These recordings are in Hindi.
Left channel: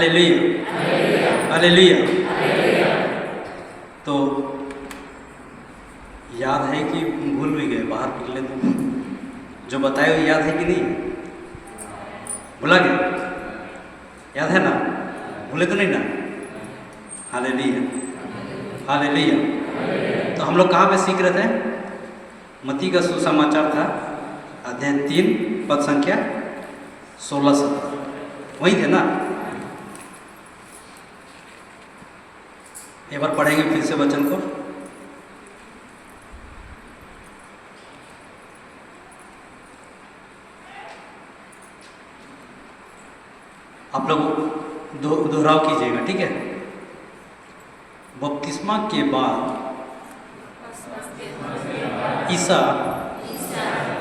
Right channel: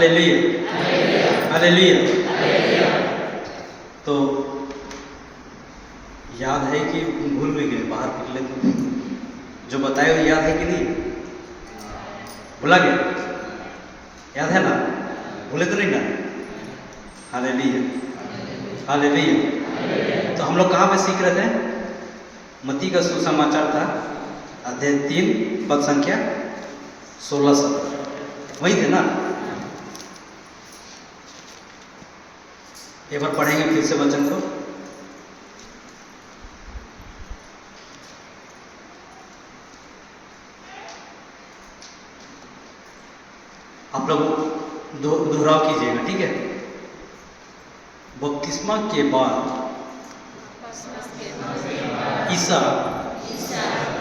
Hallelujah, hallelujah. तो याद है कि भूल भी गए, बाहर निकले तो जो बताए वो याद है कि नहीं? भुला गया? याद है ना? भूले तो नहीं ना? Hallelujah, hallelujah. तो हम लोग कहाँ पे सीख रहे थे? मत्ती का सुसमाचार था, अध्याय 3 पद संख्या 16-17, वही थे ना? एक बार पढ़ेंगे फिर से वचन को। आप लोग दोहराव कीजिएगा, ठीक है? बपतिस्मा के बाद ईसा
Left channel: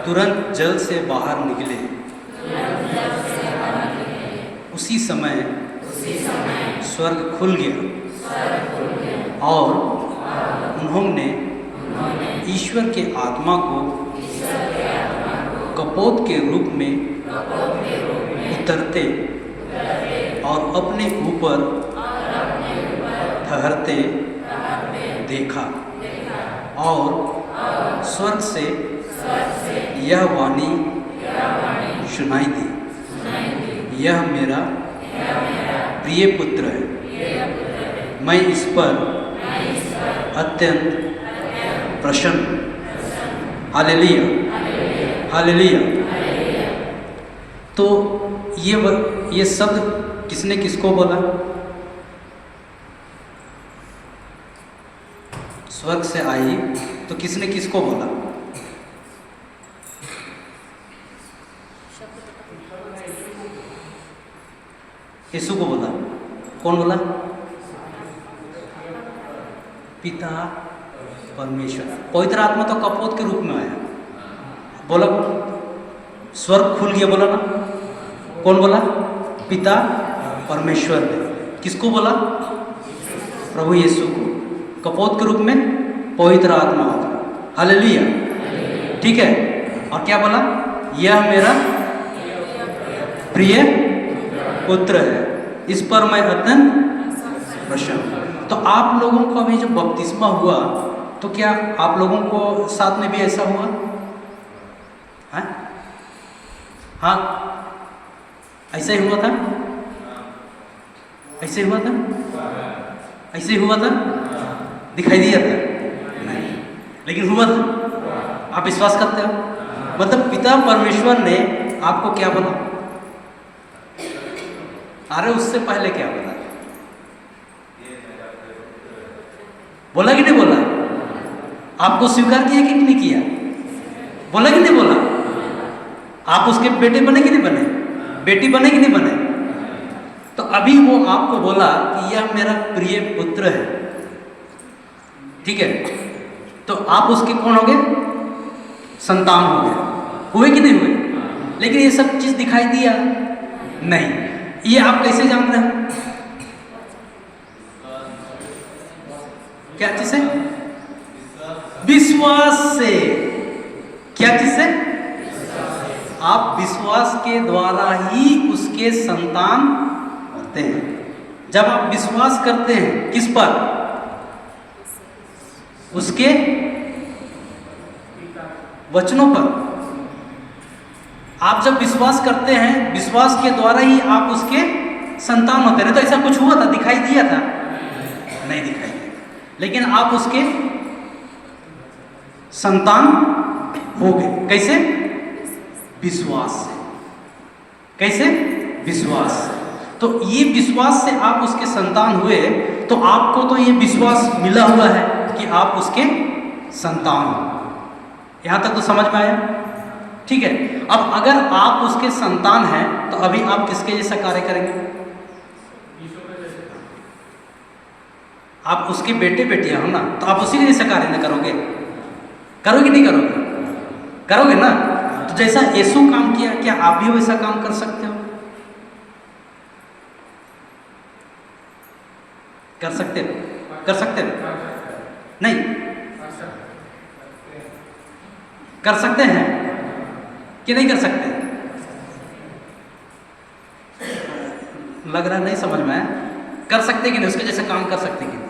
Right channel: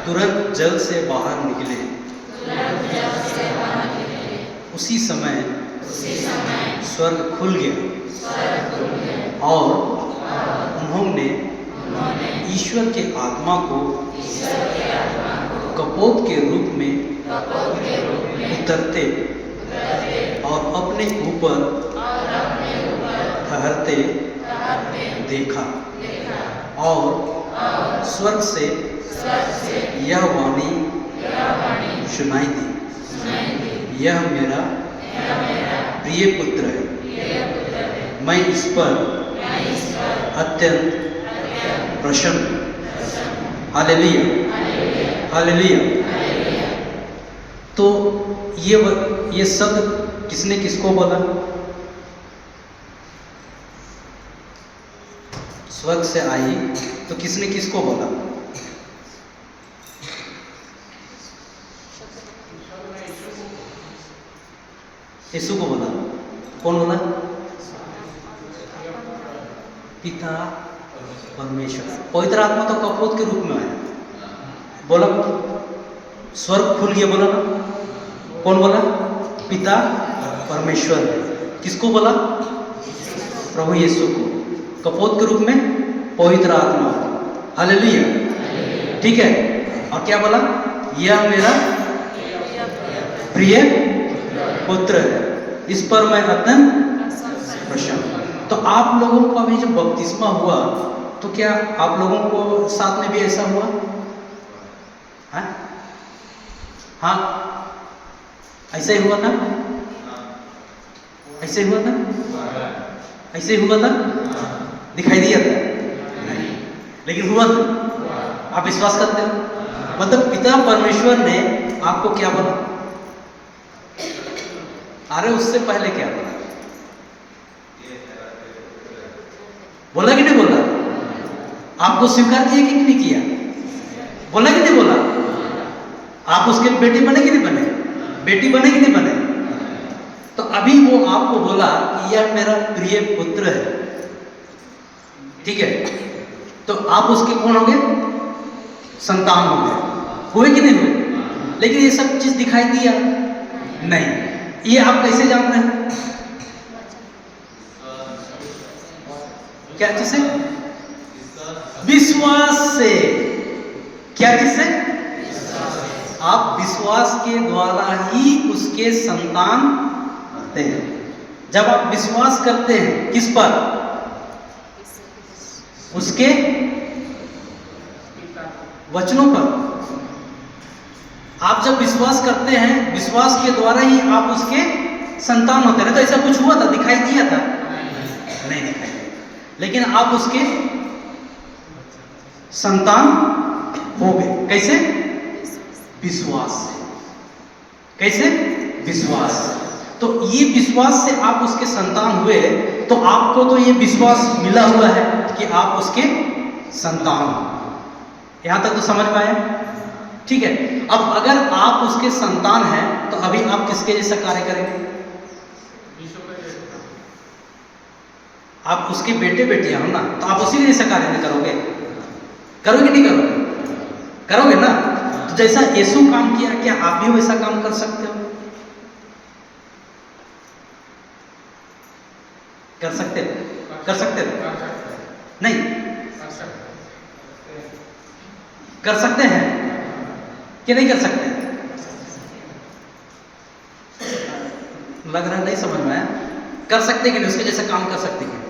तुरंत जल से बाहर निकले। उसी समय स्वर्ग खुल गया और उन्होंने ईश्वर के आत्मा को कपोत के रूप में उतरते और अपने ऊपर ठहरते देखा, और स्वर्ग से यह वाणी सुनाई दी, यह मेरा प्रिय पुत्र है, मैं इस पर अत्यंत प्रसन्न हूं। Hallelujah, hallelujah. तो ये शब्द किसने किसको बोला? स्वर्ग से आई तो किसने किसको बोला? यीशु को बोला। कौन बोला? पिता परमेश्वर। पवित्र आत्मा तो कपोत के रूप में आया। बोलो, स्वर्ग खुल गया, बोलो ना। कौन बोला? पिता परमेश्वर ने। किसको बोला? प्रभु यीशु को। कपोत के रूप में पवित्र आत्मा। हालेलुया, ठीक है। और क्या बोला? यह मेरा प्रिय पुत्र है, इस पर मैं अत्यंत प्रसन्न। तो आप लोगों का भी जो बपतिस्मा हुआ, तो क्या आप लोगों को साथ में भी ऐसा हुआ है? हाँ, ऐसे ही हुआ था? ऐसे हुआ था? ऐसे हुआ था? दिखाई दिया था? नहीं, लेकिन हुआ था। आप विश्वास करते हो? मतलब पिता परमेश्वर ने आपको क्या बोला? अरे उससे पहले क्या बोला? बोला कि नहीं बोला? आपको स्वीकार किया कि नहीं किया? बोला कि नहीं बोला? आप उसके बेटे बने कि नहीं बने? बेटी बने कि नहीं बने? तो अभी वो आपको बोला कि यह मेरा प्रिय पुत्र है, ठीक है? तो आप उसके कौन हो गए? संतान हो गए। हुए कि नहीं हुए? लेकिन ये सब चीज दिखाई दिया नहीं। ये आप कैसे जान रहे हैं? क्या चीज से? विश्वास से। क्या चीज से? आप विश्वास के द्वारा ही उसके संतान होते हैं। जब आप विश्वास करते हैं किस पर? उसके वचनों पर। आप जब विश्वास करते हैं, विश्वास के द्वारा ही आप उसके संतान होते हैं। तो ऐसा कुछ हुआ था? दिखाई दिया था? नहीं दिखाई। लेकिन आप उसके संतान हो गए। कैसे? विश्वास से। कैसे? विश्वास से। तो ये विश्वास से आप उसके संतान हुए। तो आपको तो ये विश्वास मिला हुआ है कि आप उसके संतान हो। यहां तक तो समझ में आया? ठीक है। अब अगर आप उसके संतान हैं तो अभी आप किसके जैसा कार्य करेंगे? आप उसके बेटे बेटियां हो ना, तो आप उसी के जैसा कार्य करोगे? करोगे नहीं करोगे? करोगे ना। तो जैसा यीशु काम किया, क्या आप भी वैसा काम कर सकते हो? कर सकते हो? कर सकते हो? नहीं कर सकते हैं कि नहीं कर सकते? लग रहा नहीं समझ में आया। कर सकते कि नहीं, उसके जैसा काम कर सकते कि नहीं?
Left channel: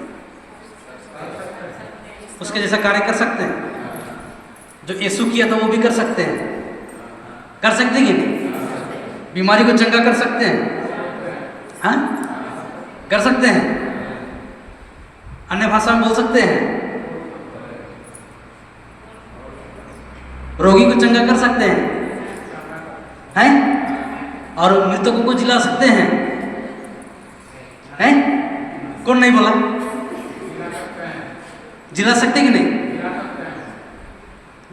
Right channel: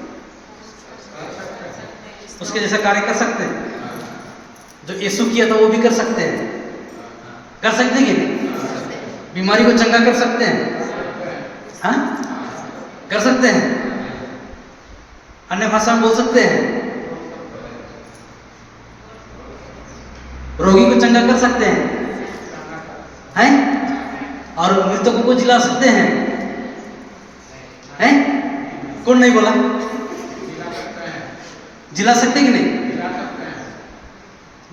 उसके जैसा कार्य कर सकते हैं। जो यीशु किया तो वो भी कर सकते हैं। कर सकते कि नहीं? बीमारी को चंगा कर सकते हैं। हाँ, कर सकते हैं। अन्य भाषा में बोल सकते हैं। रोगी को चंगा कर सकते हैं, हैं? और मृतकों को जिला सकते हैं, हैं? कौन नहीं बोला? जिला सकते कि नहीं?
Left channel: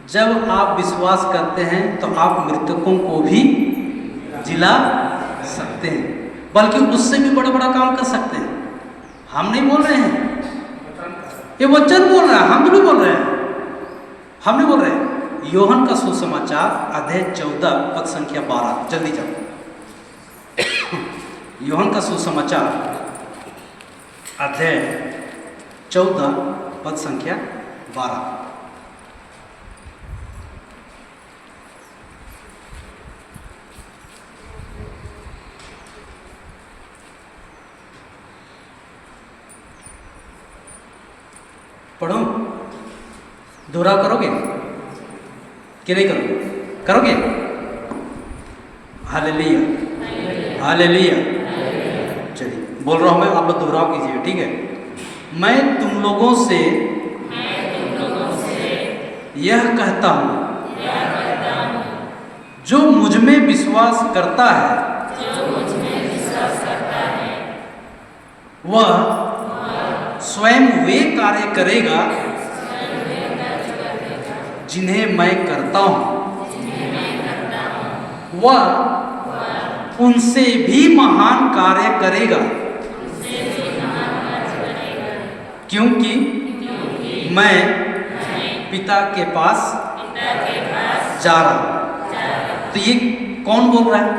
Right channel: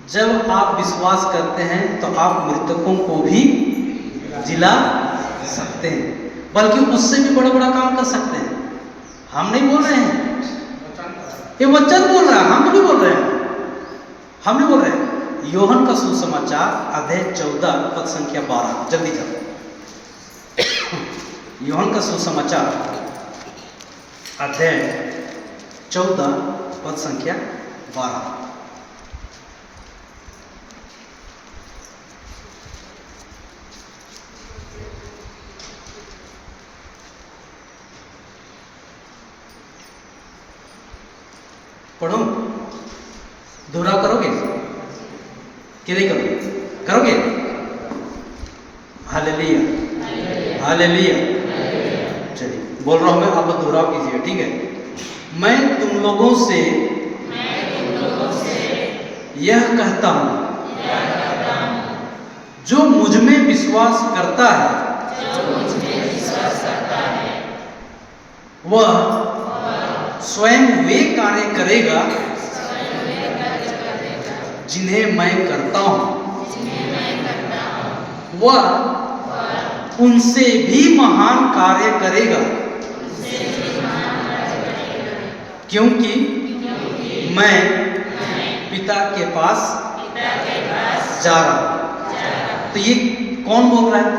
जब आप विश्वास करते हैं तो आप मृतकों को भी जिला सकते हैं, बल्कि उससे भी बड़ा बड़ा काम कर सकते हैं। हम नहीं बोल रहे हैं, ये वचन बोल रहा है, हम नहीं बोल रहे हैं। हम नहीं बोल रहे हैं। यूहन्ना का सुसमाचार अध्याय 14 पद संख्या 12, जल्दी जाओ। यूहन्ना का सुसमाचार अध्याय 14 पद संख्या 12। पढ़ो, दोहराव करोगे कि नहीं करोगे? करोगे? Hallelujah, hallelujah. चलिए, बोल रहा हूं मैं, आप लोग दोहराव कीजिए, ठीक है? मैं तुम लोगों से यह कहता हूं, जो मुझ में विश्वास करता है वह स्वयं वे कार्य करेगा जिन्हें मैं करता हूं, वह उनसे भी महान कार्य करेगा, क्योंकि मैं पिता के पास जा रहा हूं। तो ये कौन बोल रहा है?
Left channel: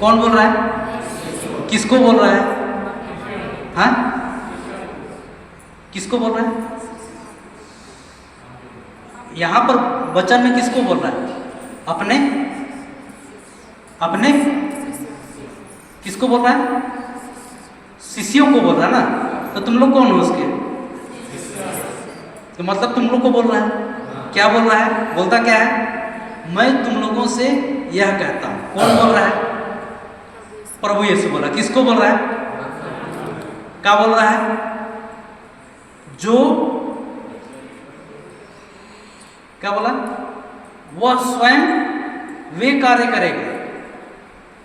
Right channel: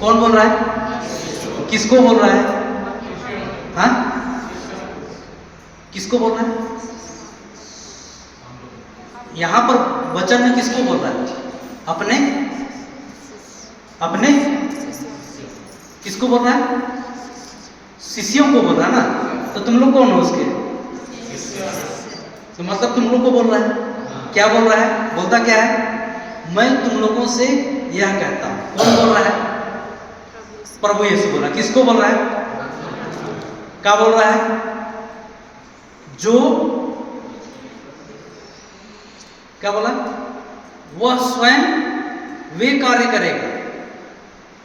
कौन बोल रहा है? किसको बोल रहा है? हाँ, किसको बोल रहा है? यहां पर वचन में किसको बोल रहा है? अपने अपने किसको बोल रहा है? शिष्यों को बोल रहा है ना। तो तुम लोग कौन हो उसके? तो मतलब तुम लोग को बोल रहा है। क्या बोल रहा है? बोलता क्या है? मैं तुम लोगों से यह कहता हूं। कौन बोल रहा है? प्रभु यीशु बोला। किसको बोल रहा है? क्या बोल रहा है? जो क्या बोला? वह स्वयं वे कार्य करेगा।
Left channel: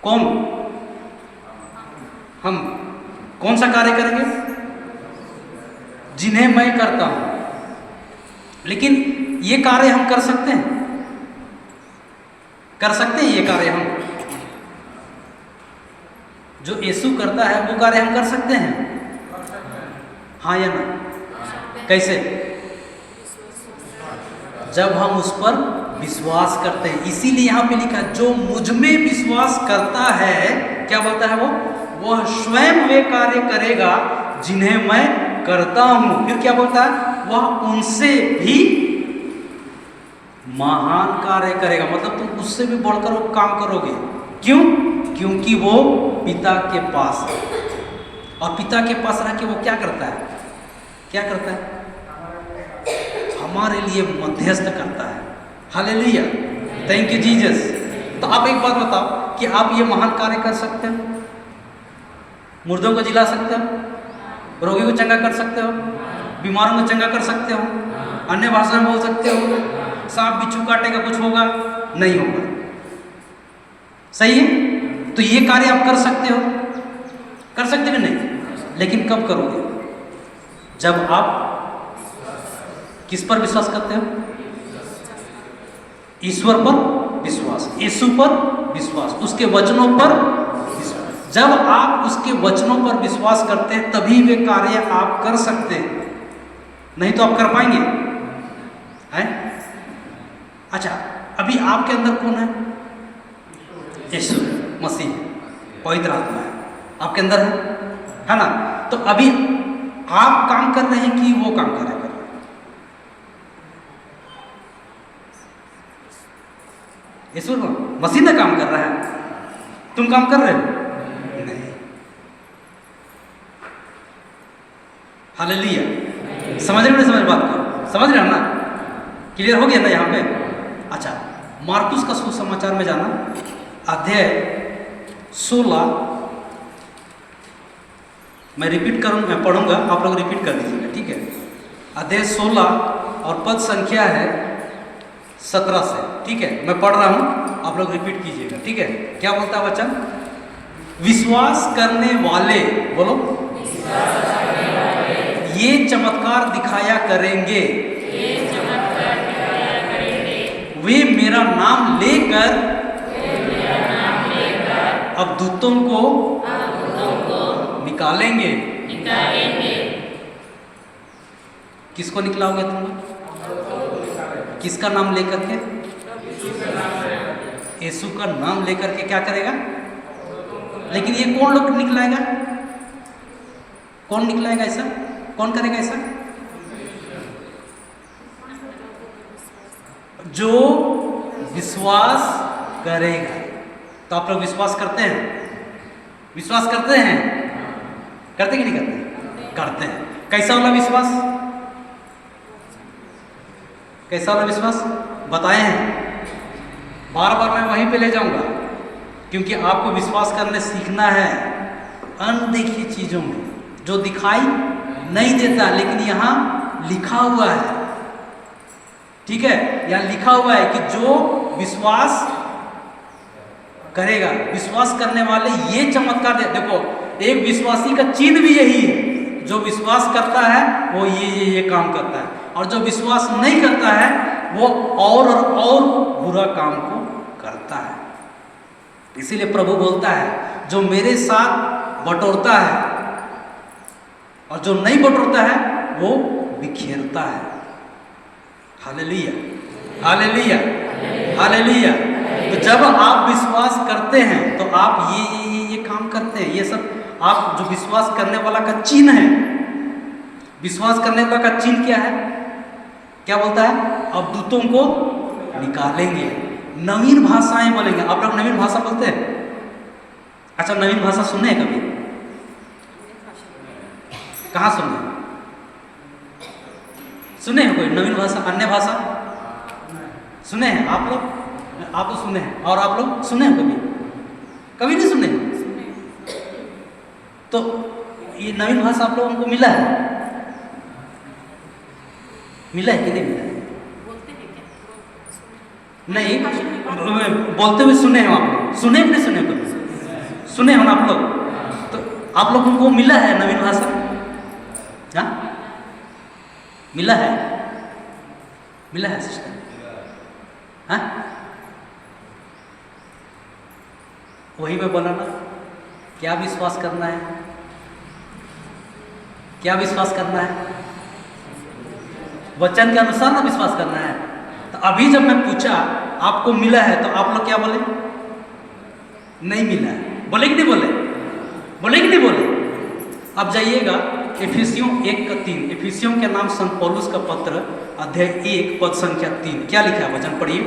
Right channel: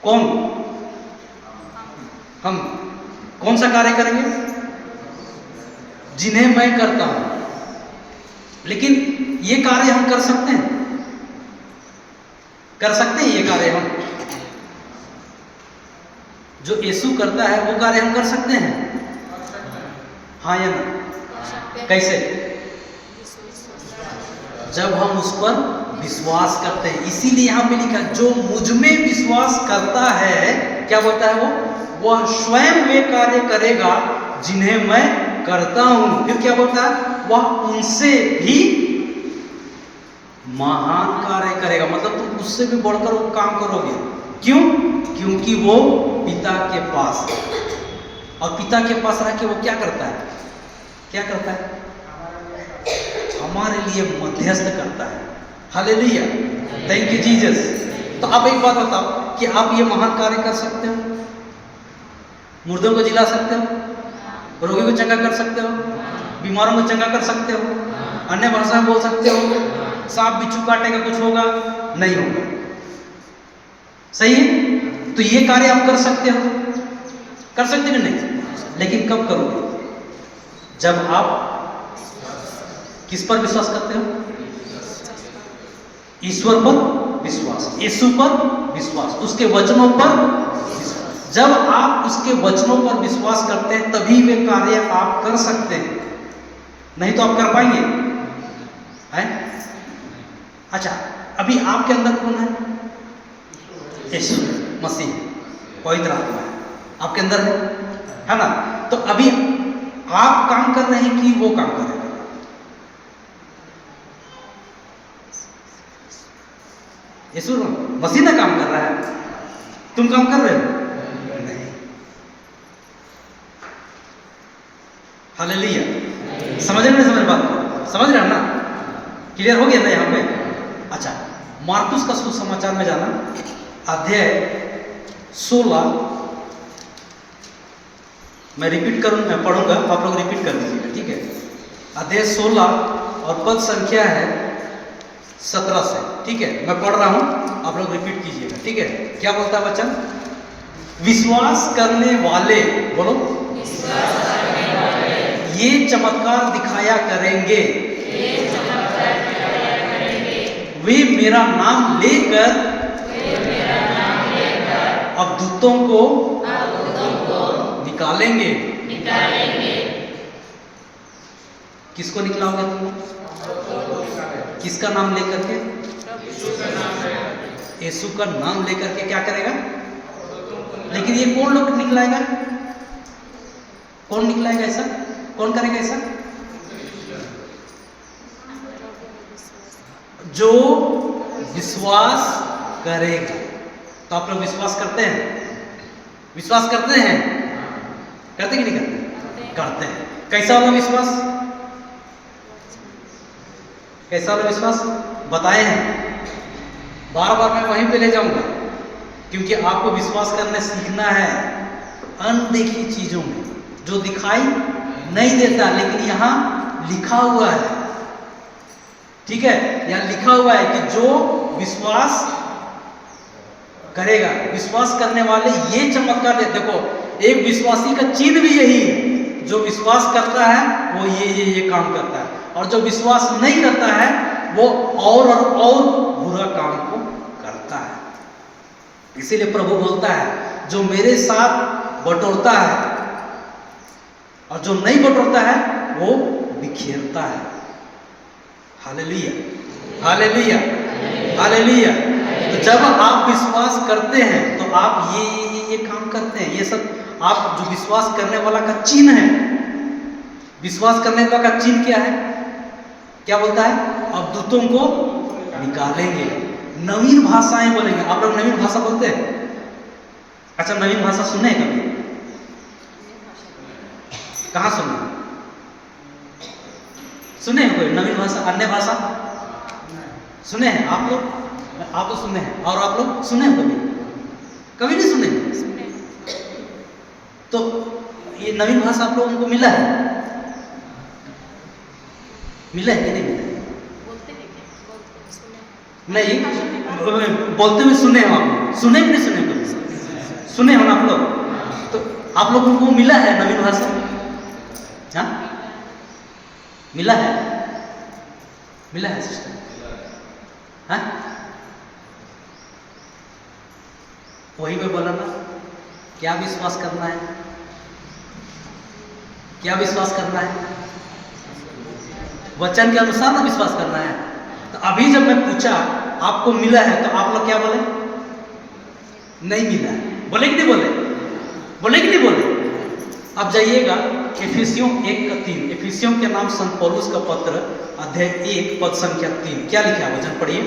कौन? हम। कौन सा कार्य करेंगे? जिन्हें मैं करता हूं। लेकिन ये कार्य हम कर सकते हैं? कर सकते हैं ये कार्य हम? जो यीशु करता है वो कार्य हम कर सकते हैं? हाँ या ना? कैसे? जब हम उस पर विश्वास करते हैं। इसीलिए यहां पे लिखा, जो मुझ में विश्वास करता है, क्या बोलता है वो? वह स्वयं वे कार्य करेगा जिन्हें मैं करता हूं। फिर क्या बोलता है? वह उनसे भी महान कार्य करेगा। मतलब तुम उससे भी बढ़कर वो काम करोगे। क्यों? क्योंकि वो पिता के पास है। और पिता के पास रह के वो क्या करता है? क्या करता है? हमारे लिए मध्यस्थ करता है। Hallelujah, thank you Jesus. तो आप एक बात बताओ कि आप ये महान कार्य कर सकते हो? मुर्दों को जिला सकते हो, रोगी को चंगा कर सकते हो, बीमारों को चंगा कर सकते हो, अन्य भाषा में बोल सकते हो, सांप बिच्छू काटेगा कुछ होगा नहीं होगा। सही है? तो ये कार्य आप कर सकते हो? कर सकते हो नहीं? लेकिन कब करोगे? जब आप किस पर विश्वास करते हो? ईश्वर पर विश्वास, यीशु पर विश्वास, उसके वचनों पर विश्वास। जब आप उसके वचनों पर विश्वास करते हैं तभी वे कार्य आप कर सकते हैं, नहीं तो आप कर पाएंगे? हैं? अच्छा, अभी आपके अंदर कौन है? यीशु मसीह, पवित्र आत्मा है आपके अंदर है ना? तो अभी आप काम कर रहे हैं कि वो काम कर रहे हैं? यीशु मसीह ना काम कर रहा है, तुम काम कर रहे हो। हालेलुया। समझ रहे हो नहीं समझ बात को? समझ रहे हो ना? क्लियर हो गया ना यहाँ पे? अच्छा, मार्कुस का सुसमाचार में जाना, अध्याय 16, मैं रिपीट करूँ, मैं पढ़ूंगा, आप लोग रिपीट कर दीजिएगा, ठीक है? अध्याय 16 और पद संख्या है 17 से, ठीक है? मैं पढ़ रहा हूँ, आप लोग रिपीट कीजिएगा, ठीक है? क्या बोलता है वचन? विश्वास करने वाले, बोलो, ये चमत्कार दिखाया करेंगे, वे मेरा नाम लेकर अवधूतों को निकालेंगे। किसको निकलाओगे तुम? किसका नाम लेकर के? यीशु का नाम लेकर के क्या करेगा? लेकिन ये कौन लोग निकलाएगा? कौन निकलाएगा ऐसा? कौन करेगा ऐसा? जो विश्वास करेगा। तो आप लोग विश्वास करते हैं? विश्वास करते हैं? करते कि नहीं करते? करते हैं। कैसा वाला विश्वास? कैसा वाला विश्वास बताए हैं? बार बार मैं वहीं पे ले जाऊंगा, क्योंकि आपको विश्वास करने सीखना है अनदेखी चीजों में, जो दिखाई नहीं देता लेकिन यहाँ लिखा हुआ है, ठीक है? यहाँ लिखा हुआ है कि जो विश्वास करेगा, विश्वास करने वाले ये चमत्कार दे। देखो, एक विश्वासी का चिन्ह भी यही है, जो विश्वास करता है वो ये काम करता है, और जो विश्वास नहीं करता है वो और बुरा काम को करता है। इसीलिए प्रभु बोलता है, जो मेरे साथ बटोरता है और जो नहीं बटोरता है वो बिखेरता है। Hallelujah, hallelujah, hallelujah. तो जब आप विश्वास करते हैं तो आप ये काम करते हैं। ये सब आप जो विश्वास करने वाला का चिन्ह है। विश्वास करने वाला का चिन्ह क्या है? क्या बोलता है? अवधूतों को निकालेंगे, नवीन भाषाएं बोलेंगे। आप लोग नवीन भाषा बोलते हैं? अच्छा, नवीन भाषा सुने हैं कभी? कहाँ सुने? सुने हैं कोई नवीन भाषा, अन्य भाषा सुने हैं आप लोग? आप लोग सुने हैं, और आप लोग सुने हैं कभी? कभी नहीं सुने? तो ये नवीन भाषा आप लोगों को मिला है? मिला है कि नहीं मिला है? नहीं, बोलते हुए सुने हो आप? सुने भी नहीं सुने कभी? सुने हो ना आप लोग? तो आप लोगों को मिला है नवीन भाषा? हाँ, मिला है? मिला है सिस्टर? हाँ, वही पे बोला ना, क्या विश्वास करना है? क्या विश्वास करना है? वचन के अनुसार ना विश्वास करना है। तो अभी जब मैं पूछा आपको मिला है, तो आप लोग क्या बोले? नहीं मिला है। बोले कि नहीं बोले? बोले कि नहीं बोले? अब जाइएगा एफिसियों 1:3। एफिसियों के नाम संत पौलुस का पत्र, अध्याय 1 पद संख्या 3। क्या लिखा है वचन? पढ़िए।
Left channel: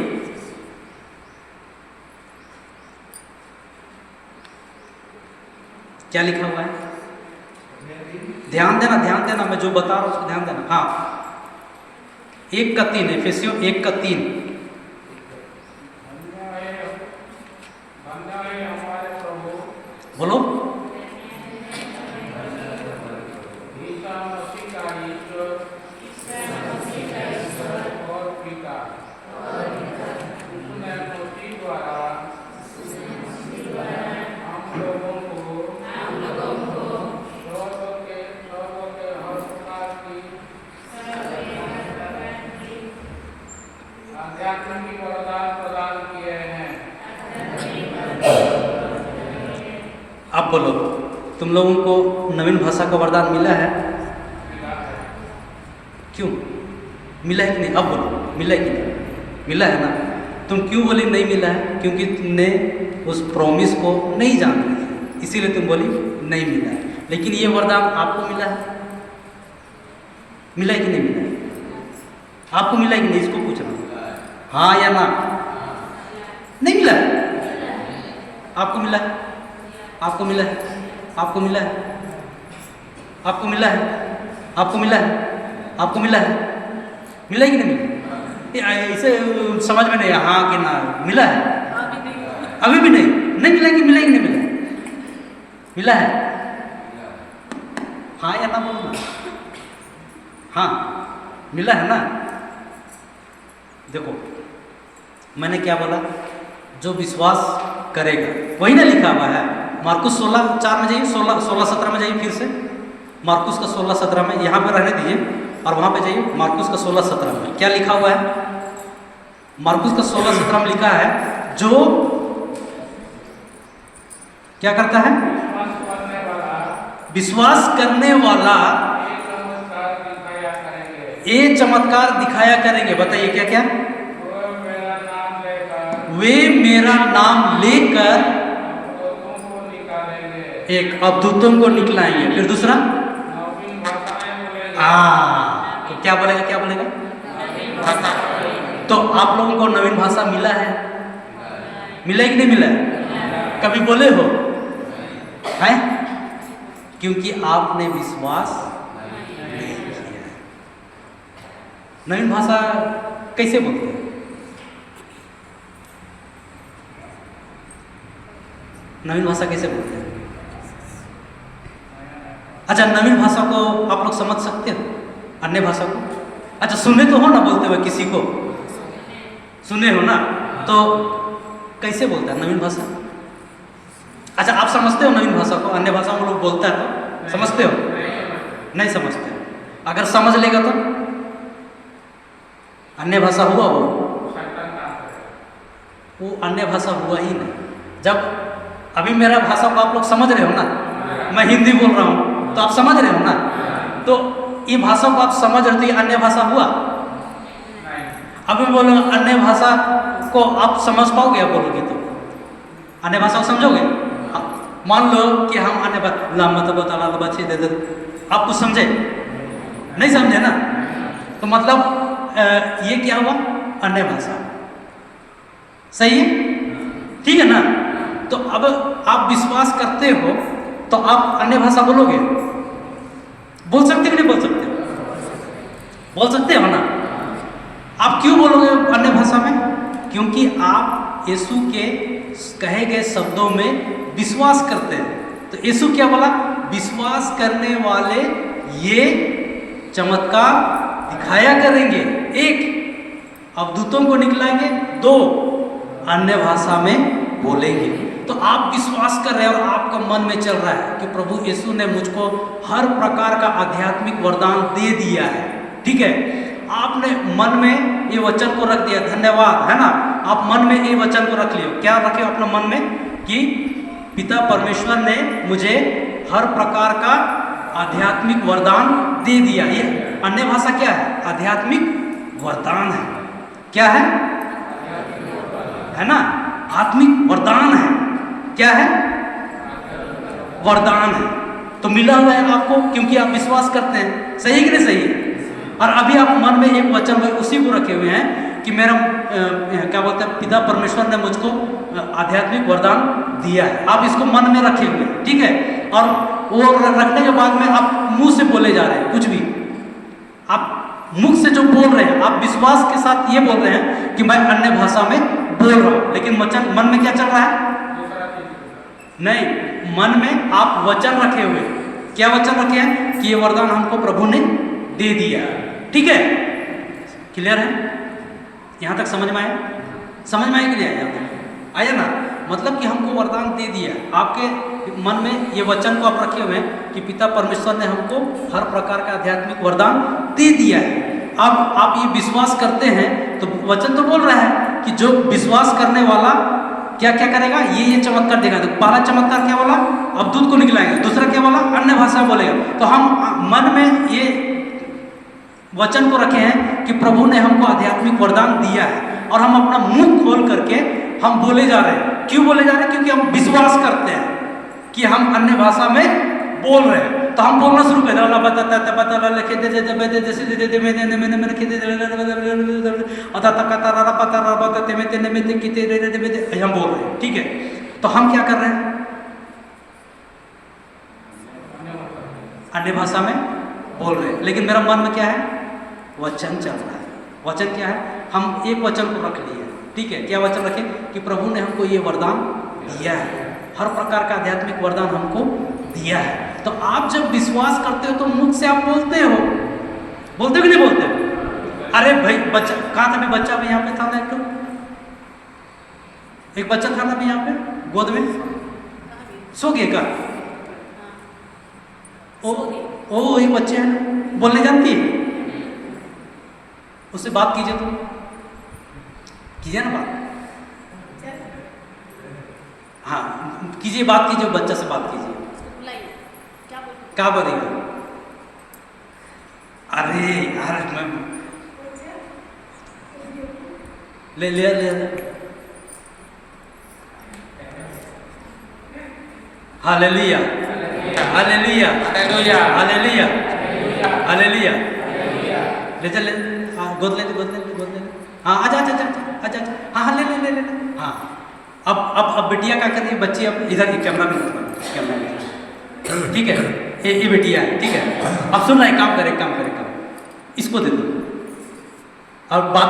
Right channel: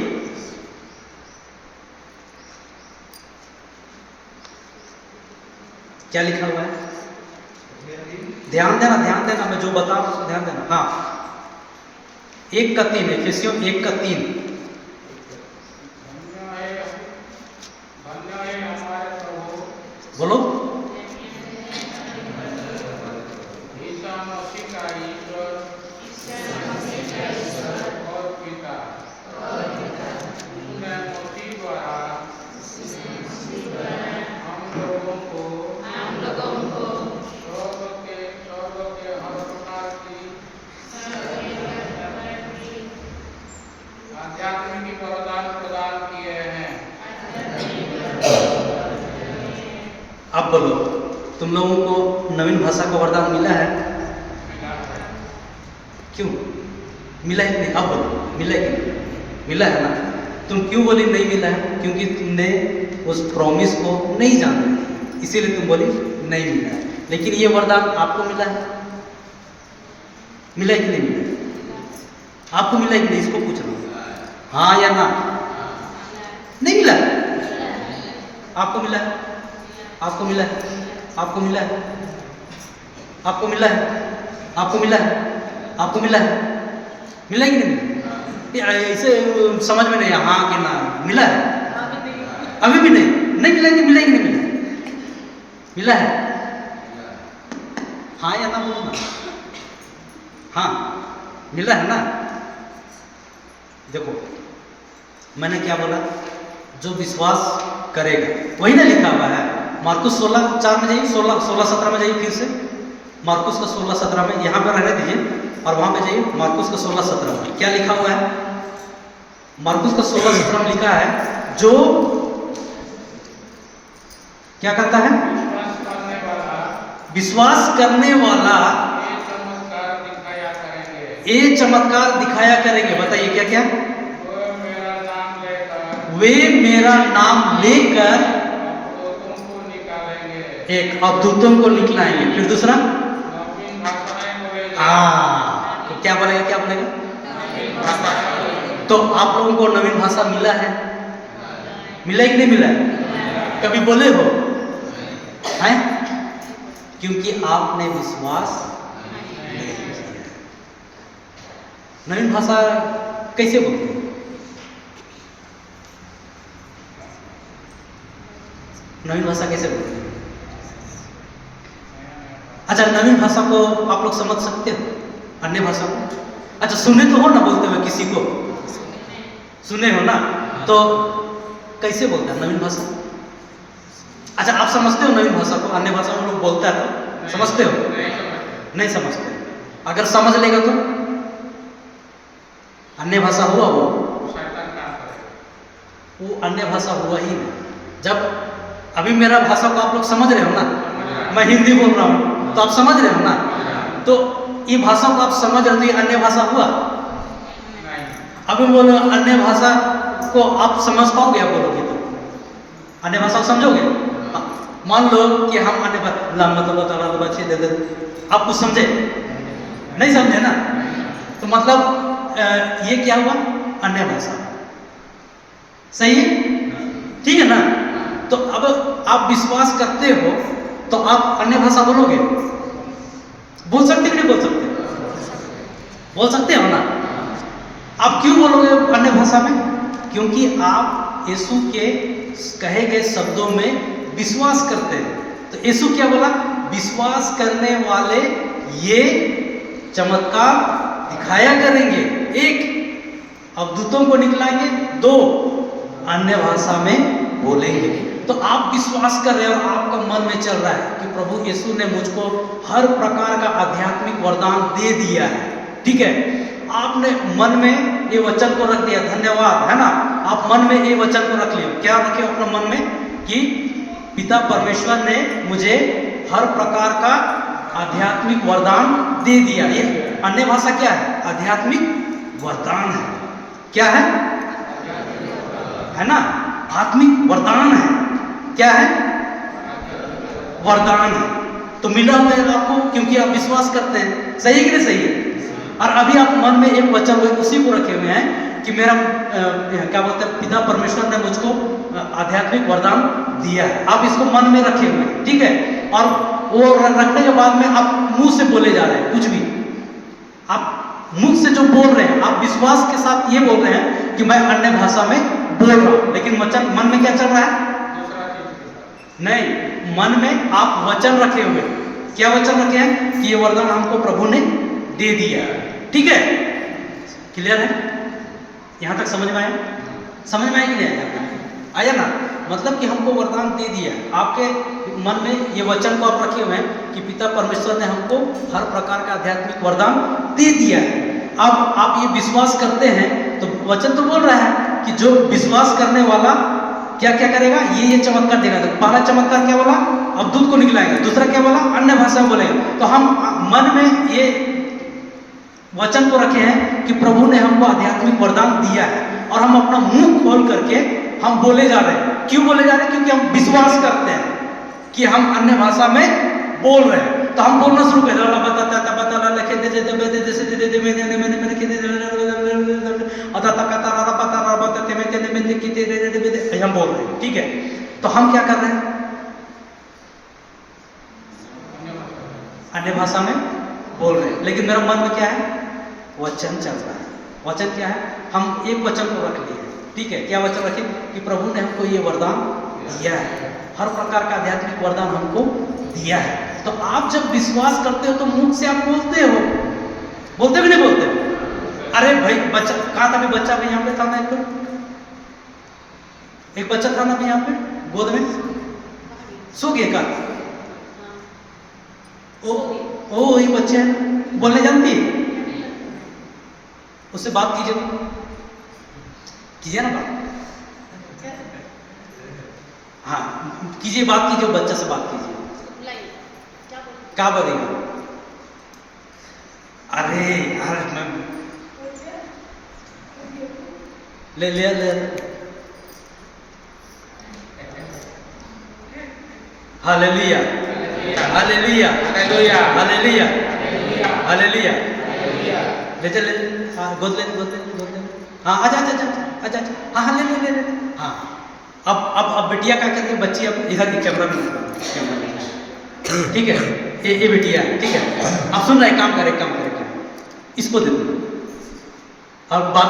क्या लिखा हुआ है? ध्यान देना, ध्यान देना, मैं जो बता रहा हूं उसको ध्यान देना। हाँ, 1:3, एफिसियों 1:3। बोलो। अब बोलो, तुम लोगों को नवीन भाषा का वरदान मिला है? क्यों मिला है कि नहीं? अब बोलो, मिला है कि नहीं? मिला है ना? तुम क्यों बोली नहीं मिला है? क्योंकि तुमने उस प्रॉमिस को नहीं जाना, इसीलिए तुम बोली नहीं मिला है। लेकिन ये वरदान आपको मिला है? मिला है कि नहीं मिला है? आपको मिला है कि नहीं? इसको पूछना, हाँ या ना? नहीं मिला है? आपको मिला है? आपको मिला है? आपको मिला है? आपको मिला है? आपको मिला है? आपको मिला है? मिला कि नहीं मिला? इसे समझ में नहीं, हाँ कि ना, मिला है? अभी भी नहीं मिला कि मिला कि नहीं मिला? मिला है? हाँ या ना बोलो ना। हाँ मिला है ना। देखो मैंने क्या बोला, जो विश्वास करेगा, वही ना लिखा हुआ है। मार्कुस 16:4 में जाइए, 16-17 में जाइए फिर से। मार्कुस का 16-17 में, यहाँ पर रहने दीजिए और वहाँ पे जाइए। मार्कुस का 16-17 में क्या लिखा हुआ है? मार्कुस का 16-17 में लिखा है, जो क्या करता है? विश्वास करने वाला ये चमत्कार दिखाया करेंगे। बताइए क्या क्या? वे मेरा नाम लेकर एक अवधूतों को निकलाएंगे। फिर दूसरा, तो क्या बोलेगा? क्या बोलेगा? तो आप लोगों को नवीन भाषा मिला है? मिला है कि नहीं मिला है? कभी बोले हो? है? क्योंकि आपने विश्वास नहीं किया। नवीन भाषा कैसे बोलते हैं? नवीन भाषा कैसे बोलते हैं? अच्छा, नवीन भाषा को आप लोग समझ सकते हो? अन्य भाषा को? अच्छा, सुने तो हो ना बोलते हुए किसी को? सुने हो ना? तो कैसे बोलता है नवीन भाषा? अच्छा, आप समझते हो नवीन भाषा को? अन्य भाषा में लोग बोलता है तो समझते हो? नहीं समझते। अगर समझ लेगा तो अन्य भाषा हुआ वो अन्य भाषा हुआ ही नहीं। जब अभी मेरा भाषा को आप लोग समझ रहे हो ना, मैं हिंदी बोल रहा हूँ तो आप समझ रहे हो ना, तो ये भाषा को आप समझ रहे हो तो ये अन्य भाषा हुआ? अभी बोलो अन्य भाषा को आप समझ पाओगे? आप बोलोगे तो अन्य भाषा को समझोगे? मान लो कि हम अन्य आप कुछ समझे? नहीं समझे ना, तो मतलब ये क्या हुआ? अन्य भाषा। सही है? ठीक है ना? तो अब आप विश्वास करते हो तो आप अन्य भाषा बोलोगे? बोल सकते कि नहीं बोल सकते? बोल सकते हो ना? आप क्यों बोलोगे अन्य भाषा में? क्योंकि आप यीशु के कहे गए शब्दों में विश्वास करते हैं। तो यीशु क्या बोला? विश्वास करने वाले ये चमत्कार दिखाया करेंगे। एक, अवधूतों को निकलाएंगे। दो, अन्य भाषा में बोलेंगे। तो आप विश्वास कर रहे हो और आपका मन में चल रहा है कि प्रभु यीशु ने मुझको हर प्रकार का आध्यात्मिक वरदान दे दिया है। ठीक है, आपने मन में ये वचन को रख दिया, धन्यवाद, है ना? आप मन में ये वचन को रख लियो। क्या रखे अपने मन में? कि पिता परमेश्वर ने मुझे हर प्रकार का आध्यात्मिक वरदान दे दिया। ये अन्य भाषा क्या है? आध्यात्मिक वरदान है। क्या है? है ना? आत्मिक वरदान है। क्या है? वरदान है। तो मिला हुआ है आपको क्योंकि आप विश्वास करते हैं। सही कि नहीं सही है? और अभी आप मन में एक वचन उसी को रखे हुए हैं कि मेरा क्या बोलते हैं, पिता परमेश्वर ने मुझको आध्यात्मिक वरदान दिया है। आप इसको मन में रखे हुए हैं, ठीक है? और वो रखने के बाद में आप मुंह से बोले जा रहे हैं कुछ भी। आप मुख से जो बोल रहे हैं, आप विश्वास के साथ ये बोल रहे हैं कि मैं अन्य भाषा में बोल रहा हूं, लेकिन वचन मन में क्या चल रहा है? नहीं, मन में आप वचन रखे हुए। क्या वचन रखे हैं? कि ये वरदान हमको प्रभु ने दे दिया। ठीक है, क्लियर है? यहां तक समझ में आया? समझ में आया कि नहीं आया? आया ना? मतलब कि हमको वरदान दे दिया। आपके मन में ये वचन को आप रखे हुए हैं कि पिता परमेश्वर ने हमको हर प्रकार का आध्यात्मिक वरदान दे दिया है। अब आप ये विश्वास करते हैं तो वचन तो बोल रहा है कि जो विश्वास करने वाला क्या क्या करेगा? ये चमत्कार देगा। तो पहला चमत्कार क्या बोला? अवधूत को निकलाएगा। दूसरा क्या बोला? अन्य भाषा बोलेगा। तो हम मन में ये वचन को रखे हैं कि प्रभु ने हमको आध्यात्मिक वरदान दिया है और हम अपना मुंह खोल करके हम बोले जा रहे हैं। क्यों बोले जा रहे हैं? क्योंकि हम विश्वास करते हैं कि हम अन्य भाषा में बोल रहे हैं। तो हम बोलना शुरू करें, हम बोल रहे हैं। ठीक है, तो हम क्या कर रहे हैं? अन्य भाषा में बोल रहे हैं, लेकिन मेरा मन में क्या है? वचन चल रहा है। वचन क्या है? हम एक वचन को रख लिए, ठीक है? क्या वचन रखें? कि प्रभु ने हमको ये वरदान दिया है, हर प्रकार का आध्यात्मिक वरदान हमको दिया है। तो आप जब विश्वास करते हो तो मुख से आप बोलते हो, बोलते भी नहीं बोलते हो? अरे भाई बच्चा कहाँ था? बच्चा भी यहाँ पे था ना, एक बच्चा था ना भी यहाँ पे गोद में, सो गया का? ओ वही बच्चे हैं, बोलने जानती है? उससे बात कीजिए, तो कीजिए ना बात। हाँ कीजिए, बात कीजिए, बच्चा से बात कीजिए। क्या बोलेगा? अरे यार मैं ले लिया हालेलुया हालेलुया हालेलुया हालेलुया। ले चल, गोद ले। हाँ आजा आजा आजा आजा। हाँ ले ले। हाँ अब बिटिया क्या कर रही है? बच्ची अब इधर की कैमरा में, ठीक है? ये बिटिया, ठीक है? अब सुन रहा है, काम करे, इसको दे दो और बात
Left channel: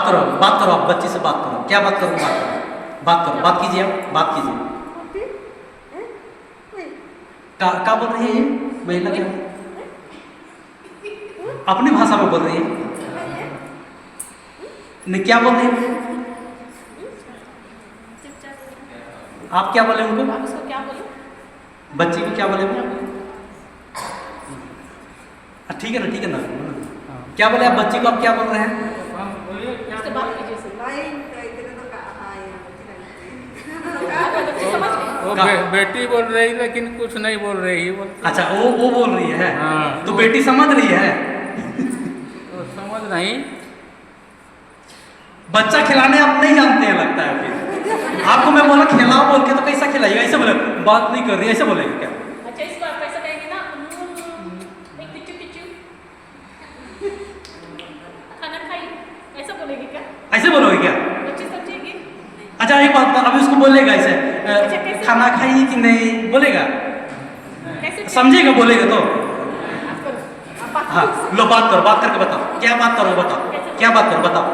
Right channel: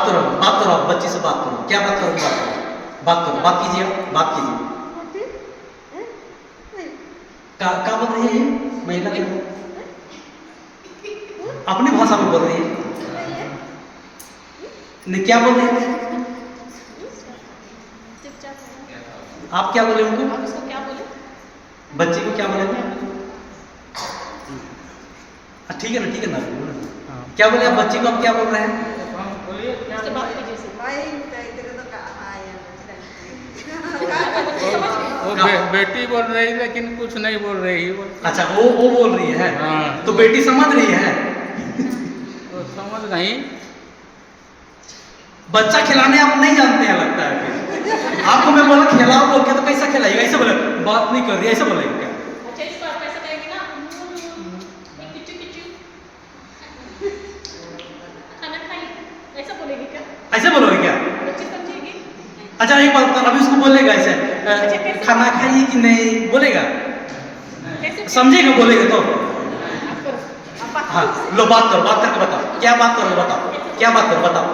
करो बच्ची से बात करो। क्या बात करो? बात कीजिए, बात कीजिए। क्या बोल रही है महिला? क्या अपनी भाषा में बोल रही है? नहीं, क्या बोल रही है? आप क्या बोले उनको? आप उसको क्या बोले? बच्ची को क्या बोले? ठीक है ना, क्या बोले आप बच्ची को? आप क्या बोल रहे हैं? बेटी बोल रही लेकिन कुछ नहीं बोल रही। अच्छा वो बोल रही है। हाँ, तो बेटी समझ रही है? तो समझ नहीं। बच्चा खिलाने आप नहीं जानते हैं लगता है। फिर आपको मैं बोला खिलाओ बोल के, तो कैसा खिलाइए? ऐसे बोले, बात नहीं कर रही, ऐसे बोलेगी क्या? अच्छा इस बात कैसे कहेंगे ना, एक किचू खाना खाई, ऐसा बोलेगी क्या? ऐसे बोलोगे क्या? बच्ची समझेगी? अच्छा एक बात, अभी उसको बोलेगा ऐसे, खाना खाई कि नहीं बोलेगा? समझेगा बोलेगा तो? हाँ लो बात करके बताओ। क्या बात करो? बताओ।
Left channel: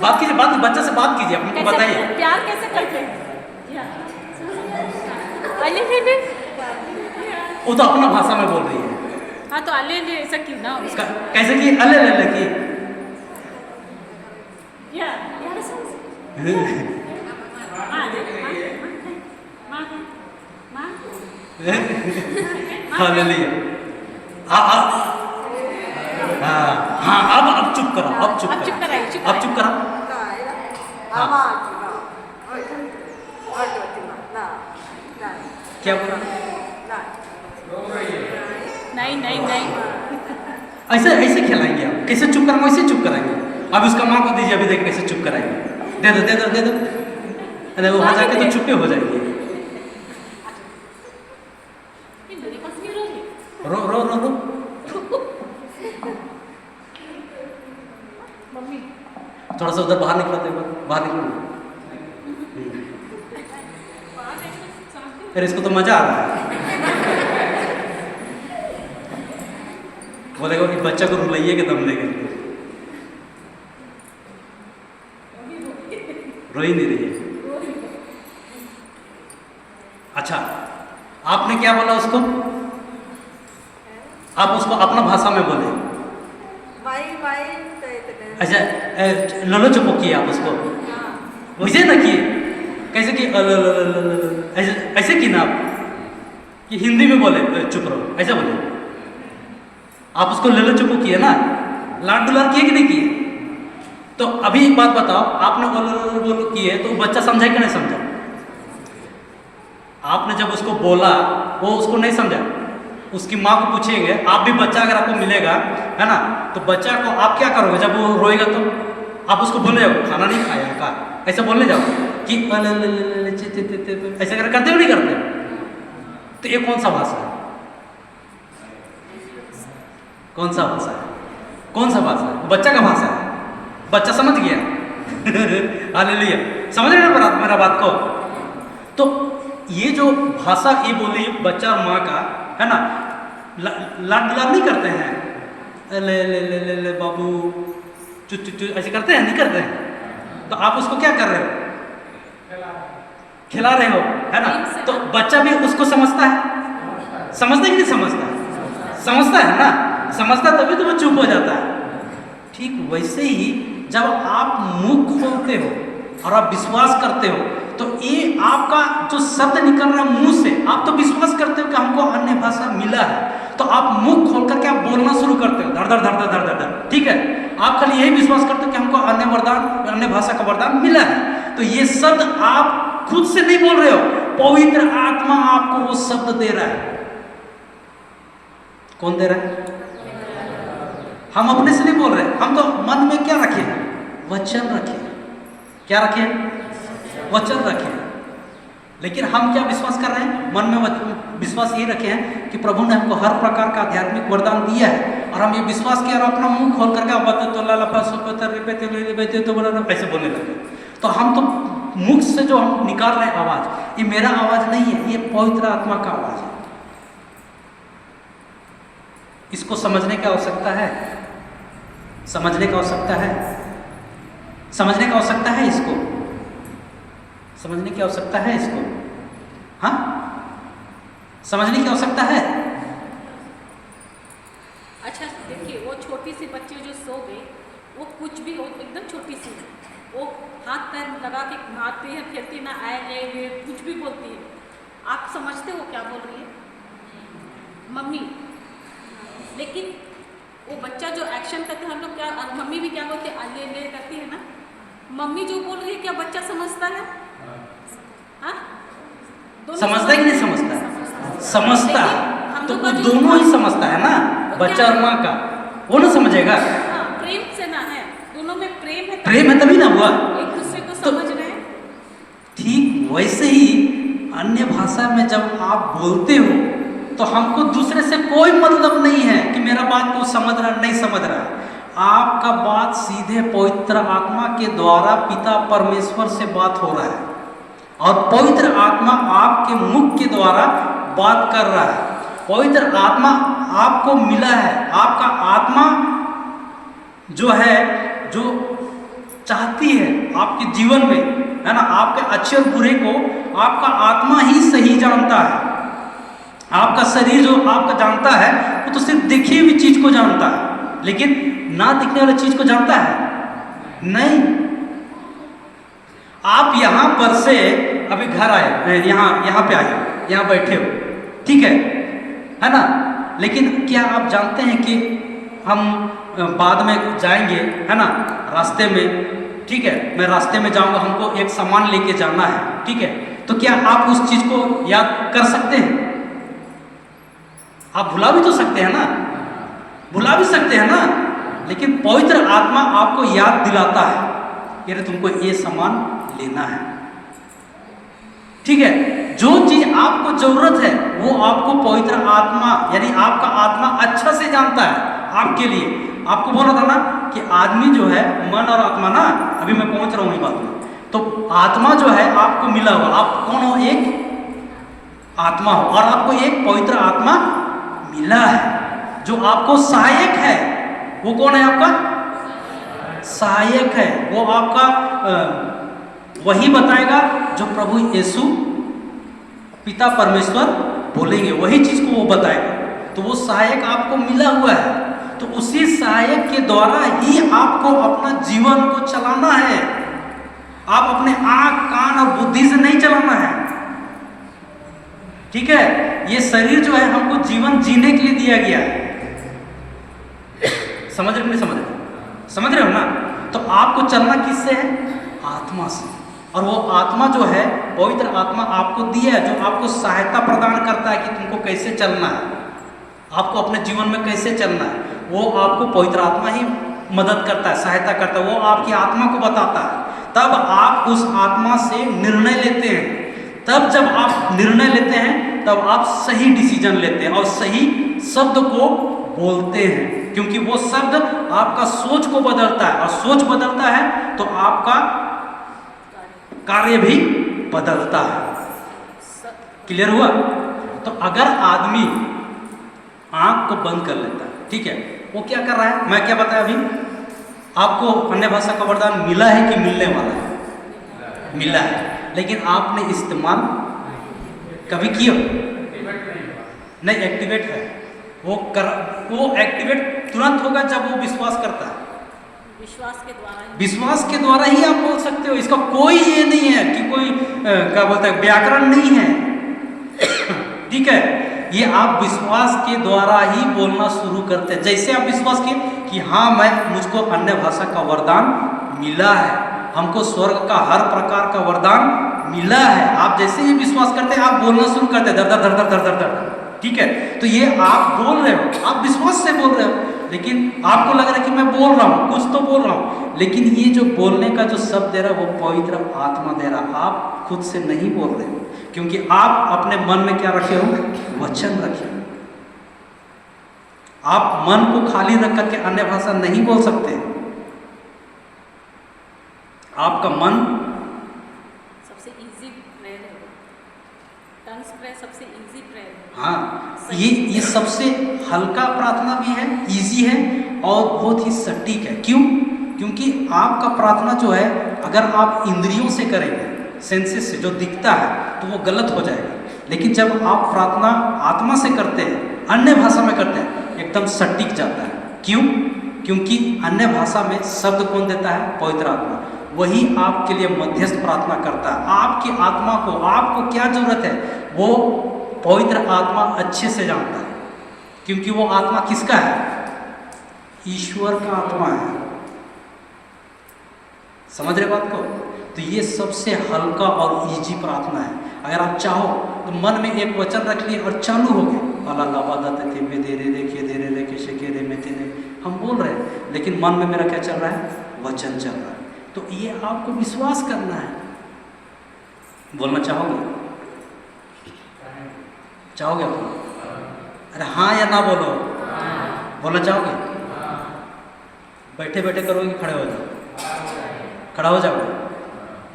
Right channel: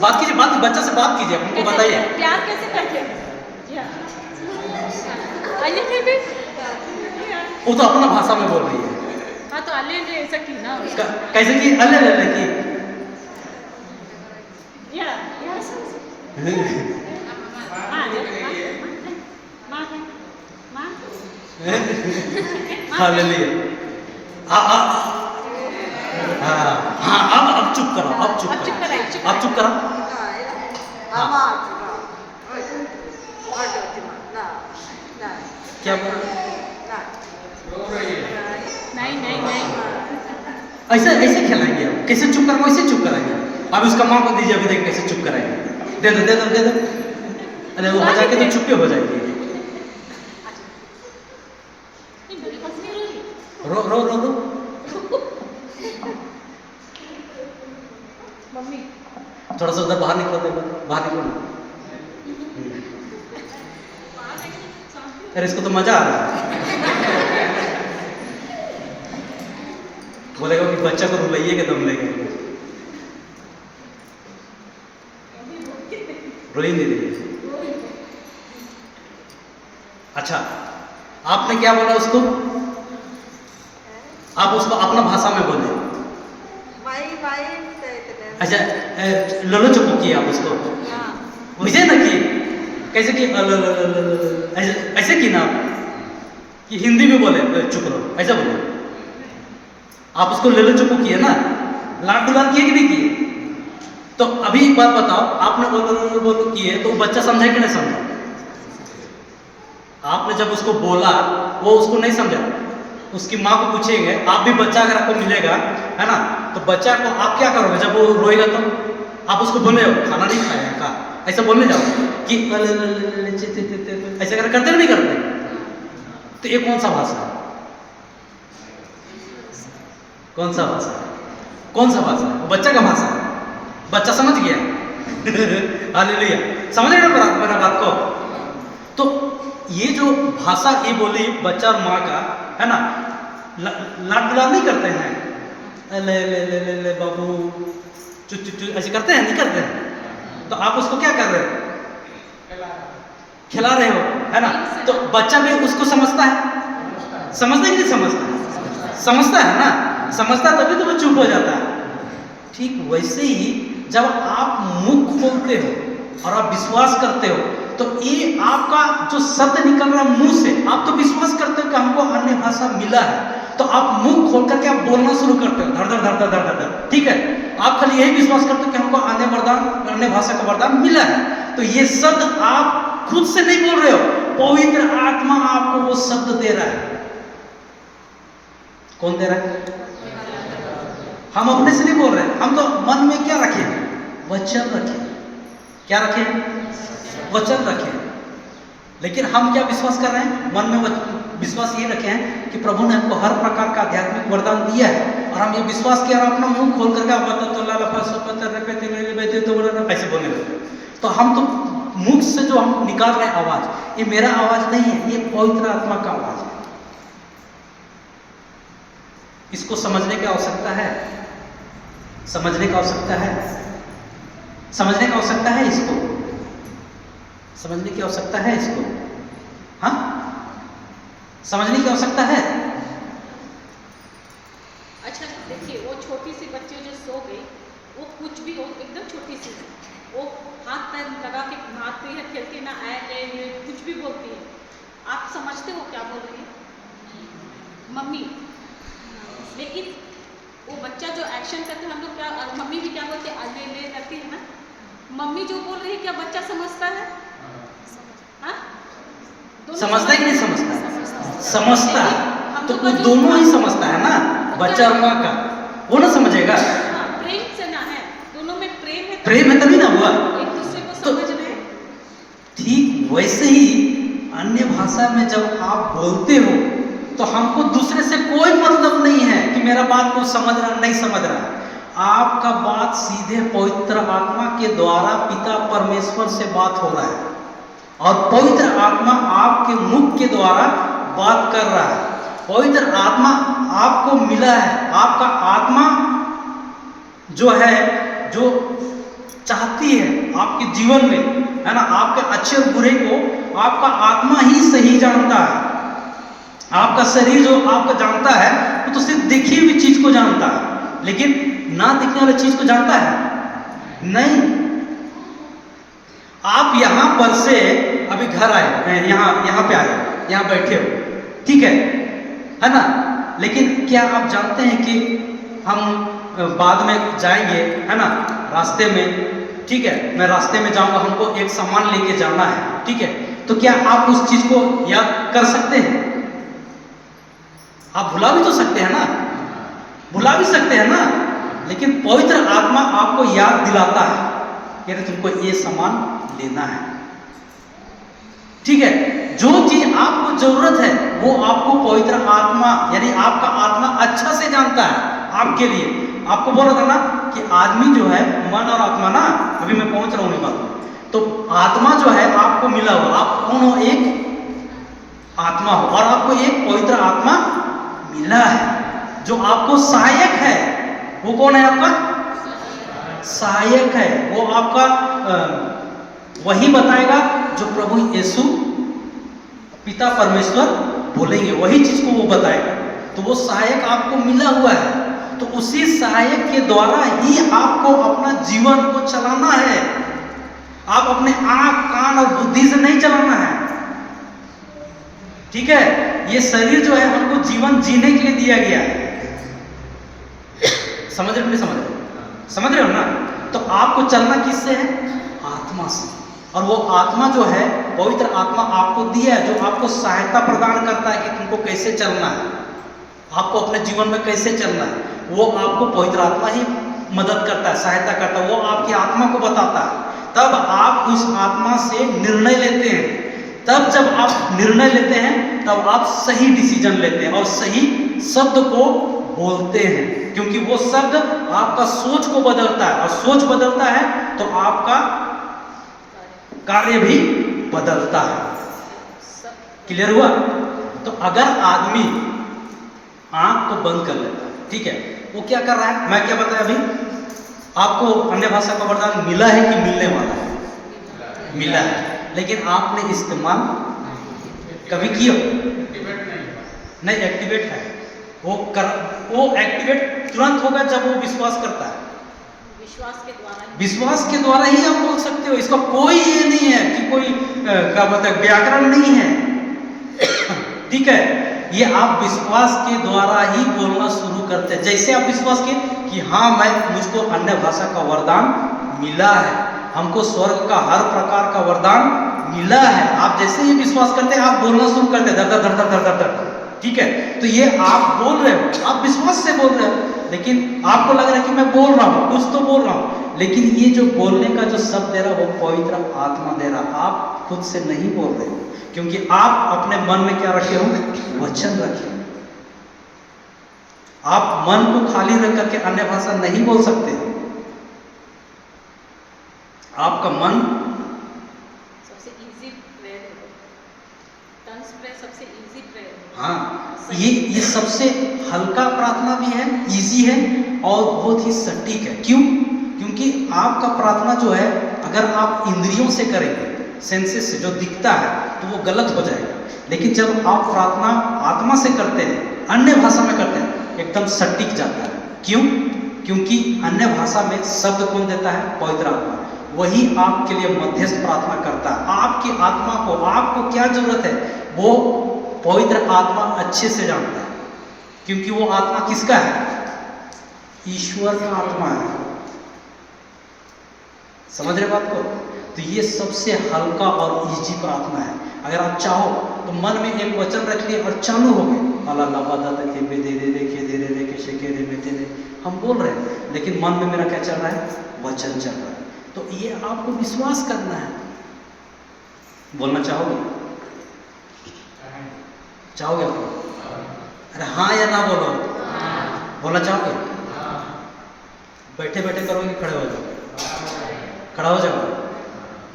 बात कीजिए, बच्चा से बात कीजिए, हमको बताइए। प्यार कैसे करते हैं? वो तो अपना भाषा में बोल रही है। हाँ तो अले ऐसा क्यों ना? कैसे की? अले की हालेलुया। हाँ अब चुप करो, अब चुप करो। क्या बोल? नहीं ऐसे खिलाएंगे आप? कैसे चुप कराएंगे? ऐसे चुप कराएंगे। अब उसका माँ को दीजिए, अभी देख कैसे चुप कराएंगे। दे दो। अरे वो हो जाके तो चुप्पे हो जाएगी। रो। मम्मी थोड़ा सा उधर बाहर निकलो, अरे इसको तो मजा आ रहा है। बोलेगा कि बच्चा को रुलाइए के दम लेगा। रो ही नहीं रही है। अच्छा आपने क्या बोला उसको? आप उसको अपना भाषा में बोले। अच्छा लोलो चुपो किए आप उसको? वैसे ना किए? कैसे कि ऐसे की ना आप? कि हिंदी में बोले चुप रहो, ऐसा बोले? आप उसको लोलो चुपो किए ना? लाड दुलार किए कि नहीं किए? तो अभी एक बात बताओ, आपने बोलो किए तो वो बच्चा समझा कि नहीं समझा? आपने जब उसको बोला वो उसको नहीं समझा, उसकी माँ को पूछेंगे। आप भी बच्चा अगर आपको मिलेगा है ना, तो बच्चा को आप क्या करोगे जब वो रोएगा? तो आप उसको बोले खाना नहीं खाया का, ऐसा बोलने जाओ कि ऐसे करते हो नहीं करते? तो ये कौन सा भाषा है? कौन सा भाषा है? बच्चा का भाषा है। बच्चा समझ गया। हालेलुया। समझ रहे ना मेरा बात को? तो ये जो भाषा ये बोली बच्चा और माँ का है ना, लाड दुलार नहीं करते हैं, ले ले ले ले ले बाबू चु चु चु ऐसे करते हैं, नहीं करते हैं? तो आप उसको क्या कर रहे हो? खिला रहे हो, है ना? तो बच्चा भी उसको समझता है, समझता है कि नहीं समझता है? समझता है ना, समझता है तभी तो वो चुप हो जाता है। ठीक वैसे ही जब आप मुंह खोलते हो और आप विश्वास करते हो, तो ये आपका जो शब्द निकल रहा है मुंह से, आप तो विश्वास करते हो कि हमको अन्य भाषा मिला है, तो आप मुंह खोल करके आप बोलना शुरू करते हो, धड़ धड़ धड़ धड़ धड़ धड़ धड़, ठीक है? आप खाली यही विश्वास करते हो कि हमको अन्य भाषा का वरदान मिला है। तो ये शब्द आप खुद से नहीं बोल रहे हो, पवित्र आत्मा आपको वो शब्द दे रहा है। कौन दे रहा है? हम अपने से नहीं बोल रहे, हम तो मन में क्या रखे? वचन रखे। क्या रखे? वचन रखे। लेकिन हम क्या विश्वास कर रहे हैं? मन में विश्वास ये रखे हैं कि प्रभु ने हमको हर प्रकार का आध्यात्मिक वरदान दिया है, और हम ये विश्वास किया और अपना मुंह खोल करके ऐसे बोलने लगे। तो हम तो मुख से जो हम निकाल रहे हैं आवाज, ये मेरा आवाज नहीं है, ये पवित्र आत्मा का आवाज है। इसको समझने की आवश्यकता है, समझने की आवश्यकता है, समझने की आवश्यकता है, इसको समझने की आवश्यकता है, इसको हाँ समझने की आवश्यकता है। अच्छा देखिए, वो छोटी सी बच्ची जो सो गई, वो कुछ भी हो, एकदम छोटी सी, वो हाथ पैर लगा के मारती है, खेलती ना, आए ले कुछ भी बोलती है। आप समझते हो क्या बोल रही है? मम्मी। लेकिन वो बच्चा जो एक्शन करते हैं, हम लोग क्या, और मम्मी भी क्या बोलते हैं, ले ले करती है ना। मम्मी जो बोल रही है, क्या बच्चा समझता है? हाँ? समझता है कि नहीं समझता? समझता है। तो वो दोनों ही समझता है ना, बच्चा और माँ का, वो ना समझेगा। प्रेम से ना है, दोनों में प्रेम है, प्रेम है तभी ना हुआ। एक दूसरे को समझ रहे हैं। ठीक वैसे ही अन्य भाषा में जब आप बोलते हो, तो हमको दूसरे से कोई मतलब नहीं है कि मेरा बात को समझ रहा नहीं समझ रहा है। आपका बात सीधे पवित्र आत्मा के द्वारा पिता परमेश्वर से बात हो रहा है, और पवित्र आत्मा आपके मुख के द्वारा बात कर रहा है। पवित्र आत्मा आपको मिला है, आपका आत्मा जो है, जो चाहती है आपके जीवन में, है ना, आपके अच्छे और बुरे को आपका आत्मा ही सही जानता है। आपका शरीर जो आपका जानता है, वो तो सिर्फ दिखी हुई चीज को जानता है, लेकिन ना दिखने वाली चीज को जानता है नहीं। आप यहां पर से अभी घर आए, यहाँ पे आए, यहाँ बैठे हो, ठीक है ना? लेकिन क्या आप जानते हैं कि हम बाद में जाएंगे, है ना, रास्ते में, ठीक है, मैं रास्ते में जाऊंगा, हमको एक सामान लेके जाना है, ठीक है? तो क्या आप उस चीज को याद कर सकते हैं? आप भुला भी तो सकते हैं ना, भुला भी सकते हैं ना, लेकिन पवित्र आत्मा आपको याद दिलाता है कि अरे तुमको ये सामान लेना है, ठीक है? जो चीज आपको जरूरत है वो आपको पवित्र आत्मा, यानी आपका आत्मा अच्छा से जानता है आपके लिए। आपको बोला था ना कि आदमी जो है, मन और आत्मा ना, अभी मैं पहुंच रहा हूँ बात में। तो आत्मा जो है आपको मिला हुआ, आप कौन हो? एक आत्मा हो, और आपको एक पवित्र आत्मा मिला है जो आपको सहायक है। वो कौन है? आपका सहायक है। वो आपका वही बताएगा जो प्रभु यीशु पिता परमेश्वर बोलेंगे, वही चीज को वो बताएगा। तो वो सहायक आपको मिला हुआ है, तो उसी सहायक के द्वारा ही आपको अपना जीवन को चलाना है। आप अपने आंख, कान और बुद्धि से नहीं चलाना है, ठीक है? ये शरीर जो है हमको जीवन जीने के लिए दिया गया है। समझ रहे हो नहीं समझ रहे? समझ रहे हो ना? तो आपको चलना किससे है? आत्मा से। और वो आत्मा जो है, पवित्र आत्मा आपको दिया है, जो आपको सहायता प्रदान करता है कि तुमको कैसे चलना है, आपको अपने जीवन में कैसे चलना है। वो आपको पवित्र आत्मा ही मदद करता है, सहायता करता है, वो आपकी आत्मा को बताता है। तब आप उस आत्मा से निर्णय लेते हैं। तब जब आप निर्णय लेते हैं, तब आप सही डिसीजन लेते हैं और सही शब्द को बोलते हैं, क्योंकि वो शब्द आपका सोच को बदलता है, और सोच बदलता है तो आपका कार्य भी बदलता है। क्लियर हुआ? तो अगर आंख को बंद कर लेता है, ठीक है। वो क्या कर रहा है, मैं क्या बताया अभी आपको, अन्य भाषा का वरदान मिला है कि मिलने वाला है? मिला है, लेकिन आपने इस्तेमाल कभी किया नहीं? एक्टिवेट है वो एक्टिवेट तुरंत होगा जब वो विश्वास करता है। विश्वास के द्वारा ही आप बोल सकते हो। इसका कोई ये नहीं है कि कोई क्या बोलते हैं व्याकरण नहीं है, ठीक है। ये आप विश्वास के द्वारा ही बोलना शुरू करते हैं। जैसे आप विश्वास किए कि हाँ मुझको अन्य भाषा का वरदान मिला है, हमको स्वर्ग का हर प्रकार का वरदान मिला है, आप जैसे ही विश्वास करते हैं आप बोलना शुरू करते हैं, दर दर दर दर दर दर, ठीक है। तो ये आप बोल रहे हो, आप विश्वास से बोल रहे हो, लेकिन आपको लग रहा है कि मैं बोल रहा हूँ, कुछ तो बोल रहा हूँ, लेकिन ये जो बोलने का जो शब्द दे रहा है वो पवित्र आत्मा दे रहा, आप खुद से नहीं बोल रहे हो, क्योंकि आप अपने मन में क्या रखे हो? वचन रखे हो। आप मन को खाली रख करके अन्य भाषा नहीं बोल सकते। आपका मन सबसे इजी प्रेयर है, टंग्स प्रेयर सबसे इजी प्रेयर है। हाँ, ये सबसे हल्का प्रार्थना भी है, इजी है और बहुत ही सटीक है। क्यों? क्योंकि आपका प्रार्थना जो है अगर आप इंद्रियों से करेंगे, सेंसेस से जो दिखता है, तो वो गलत हो जाएगा। लेकिन जब आप प्रार्थना आत्मा से करते हैं, अन्य भाषा में करते हैं, एकदम सटीक जाता है। क्यों? क्योंकि अन्य भाषा में शब्द कौन देता है? पवित्र आत्मा। वही आपके लिए मध्यस्थ प्रार्थना करता है। आपकी आत्मा को, आपको क्या जरूरत है वो पवित्र आत्मा अच्छे से जानता है, क्योंकि वो आत्मा किसका है? ईश्वर का आत्मा है। समझ रहे बात को? तो ये सबसे हल्का और इजी प्रार्थना है। अगर आप चाहो तो मन में एक वचन रख लिए और चालू हो गए, हम बोल रहे हैं, लेकिन मन में मेरा क्या चल रहा है? वचन चल रहा है। तो ये आपको विश्वास करना है। बोलना चाहोगे? चाहोगे आप? अरे हाँ या ना बोलो? बोलना चाहोगे? बैठे बैठे करोगे, खड़े हो जाओ? खड़ा हो जाओ,